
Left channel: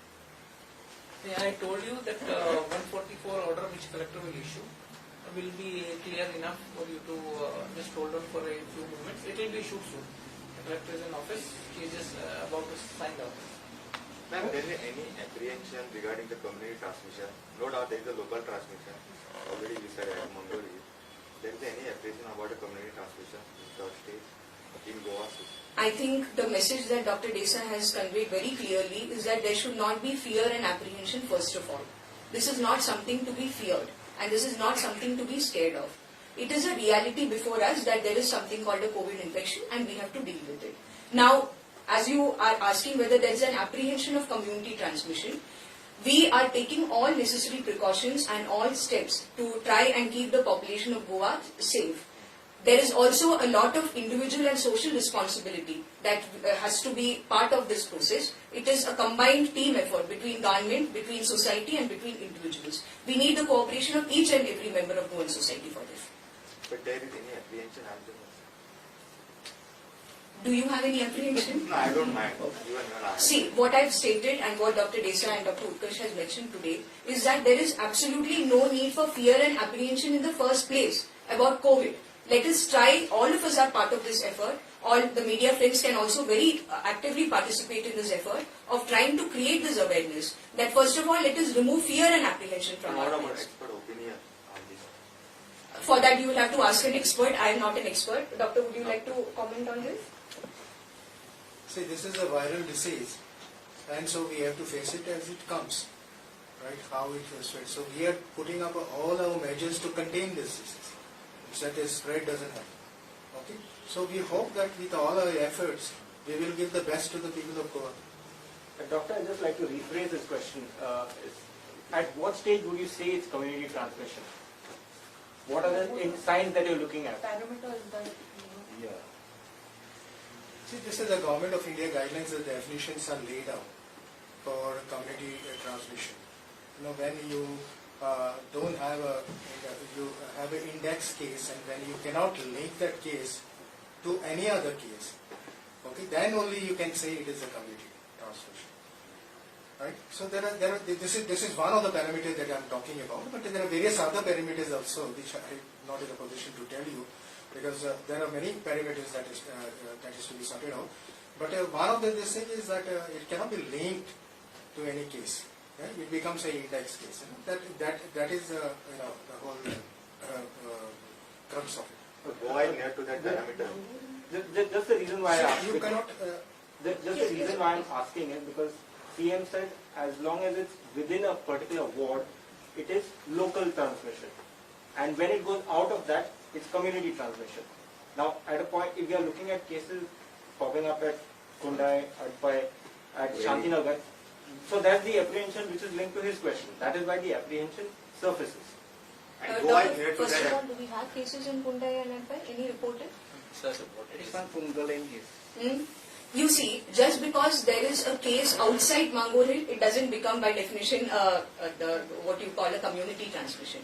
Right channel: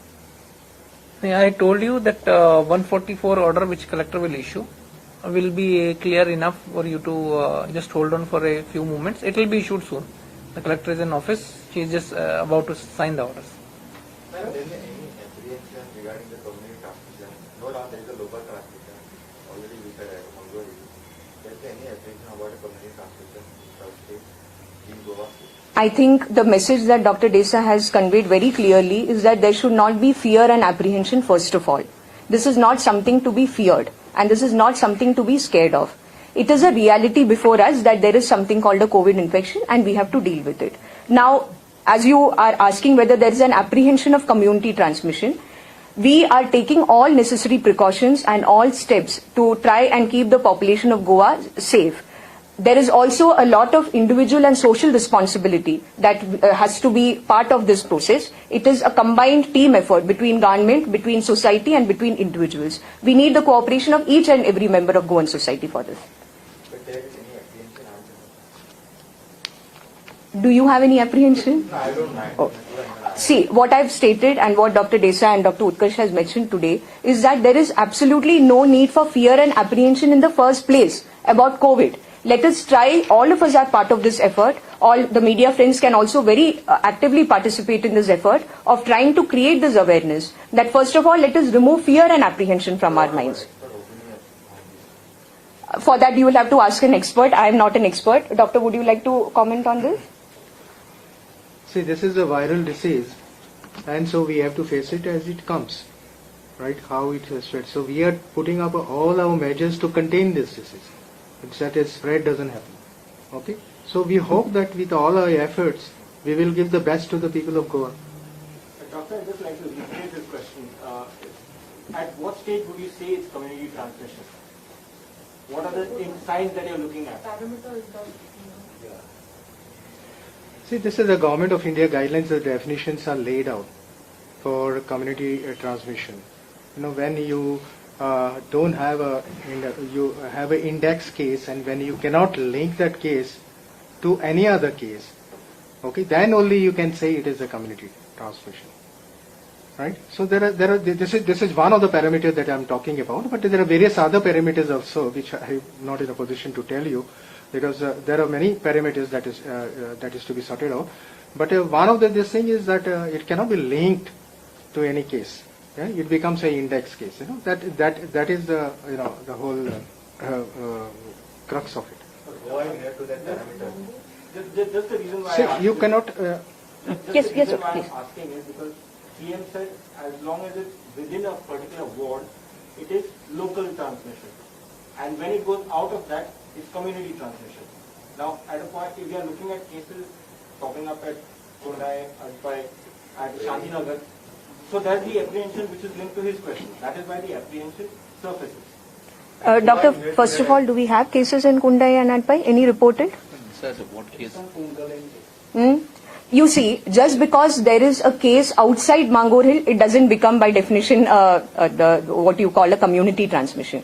I told you that 144 order which collector will issue will be clear enough for you to just hold on for a few moments. It will be issued soon. The collector is in office. She is just about to sign the orders. Ma'am, is there any apprehension regarding the community transmission? No doubt there is a local transmission. Already we said Mangori. There is any apprehension about the community transmission in Goa? I think the message that Dr. Desa has conveyed very clearly is that there should not be fear and apprehension first of all. This is not something to be feared and this is not something to be scared of. It is a reality before us that there is something called a COVID infection and we have to deal with it. Now, as you are asking whether there is an apprehension of community transmission, we are taking all necessary precautions and all steps to try and keep the population of Goa safe. There is also a lot of individual and social responsibility that has to be part of this process. It is a combined team effort between government, between society and between individuals. We need the cooperation of each and every member of Goan society for this. But there is any apprehension? Do you have any apprehension? No, I don't mind. Oh. See, what I've stated and what Dr. Desa and Dr. Utkarsh has mentioned today is that there is absolutely no need for fear and apprehension in the first place about COVID. Let us try, all of us are part of this effort. All the media friends can also very actively participate in this effort of trying to create this awareness that first of all, let us remove fear and apprehension from our minds. For that, you will have to ask an expert. I am not an expert. Doctor, would you like to comment on this? See, this is a viral disease, and so we have to face it as it comes, right? How it spreads. So we are putting up all our measures to contain this disease, so that its spread doesn't happen. Okay. So we hope that with all our efforts, we will give the best to the people of Goa. Doctor, I'd just like to rephrase this question. At what stage would you say it's community transmission? What are the signs that you're looking at? See, this is the Government of India guidelines. The definitions are laid out for community transmission. You know, when you don't have you have an index case, and when you cannot link that case to any other case, okay, then only you can say it is a community transmission, right? So this is one of the parameters that I am talking about, but there are various other parameters also which I am not in a position to tell you, because there are many parameters that is to be sorted out. But one of this thing is that it cannot be linked to any case. Yeah? It becomes an index case. You know, that is the the whole crux of it. Why near to that parameter? Just the reason why See, I asked you it- cannot. Yes, the yes, reason sir, why please. I'm asking is because CM said as long as it's within a particular ward, it is local transmission. And when it goes out of that, it's community transmission. Now, at a point, if we are looking at cases popping up at Kundai, at Shantinagar, so that's the apprehension which is linked to his question. That is why the apprehension surfaces. Doctor, first of all, do we have cases in Kundai and Adpai? Any reported? Sir, what case? You see, just because there is a case outside Mangor Hill, it doesn't become by definition what you call a community transmission.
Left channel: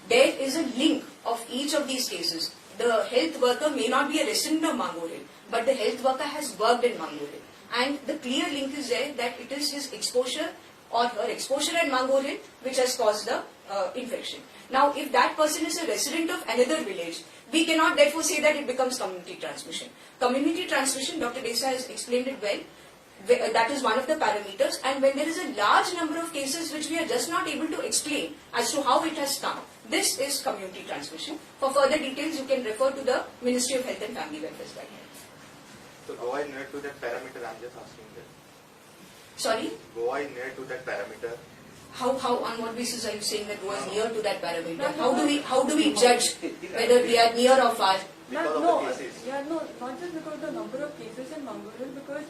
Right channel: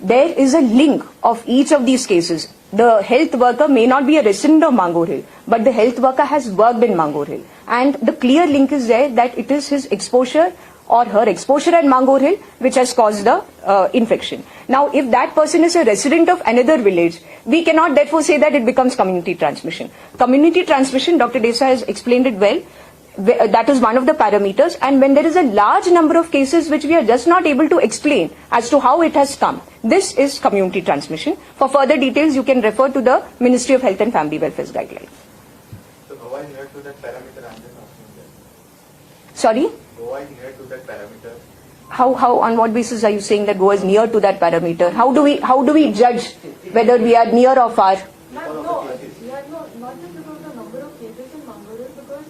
There is a link of each of these cases. The health worker may not be a resident of Mangor Hill, but the health worker has worked in Mangor Hill. And the clear link is there that it is his exposure or her exposure at Mangor Hill which has caused the infection. Now, if that person is a resident of another village, we cannot therefore say that it becomes community transmission. Community transmission, Dr. Desa has explained it well. That is one of the parameters, and when there is a large number of cases which we are just not able to explain as to how it has come, this is community transmission. For further details, you can refer to the Ministry of Health and Family Welfare's guidelines. So Goa is near to that parameter, I'm just asking that. Sorry? Goa is near to that parameter. How, on what basis are you saying that Goa is near to that parameter? How do we judge whether we are near or far? No, not just because the number of cases in Mangor Hill, because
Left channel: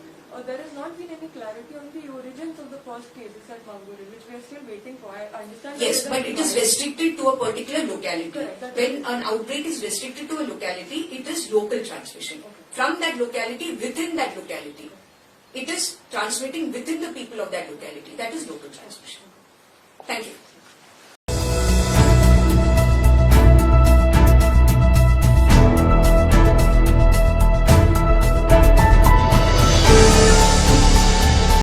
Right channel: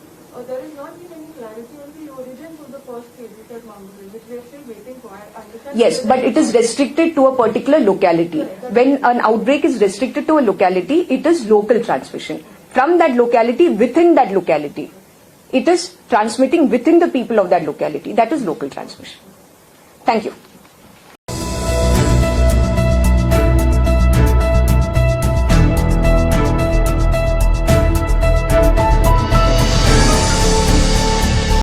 there has not been any clarity on the origins of the first cases at Mangor Hill, which we are still waiting for. I understand. Yes, but it is restricted to a particular locality. When an outbreak is restricted to a locality, it is local transmission. From that locality, within that locality, it is transmitting within the people of that locality. That is local transmission. Thank you.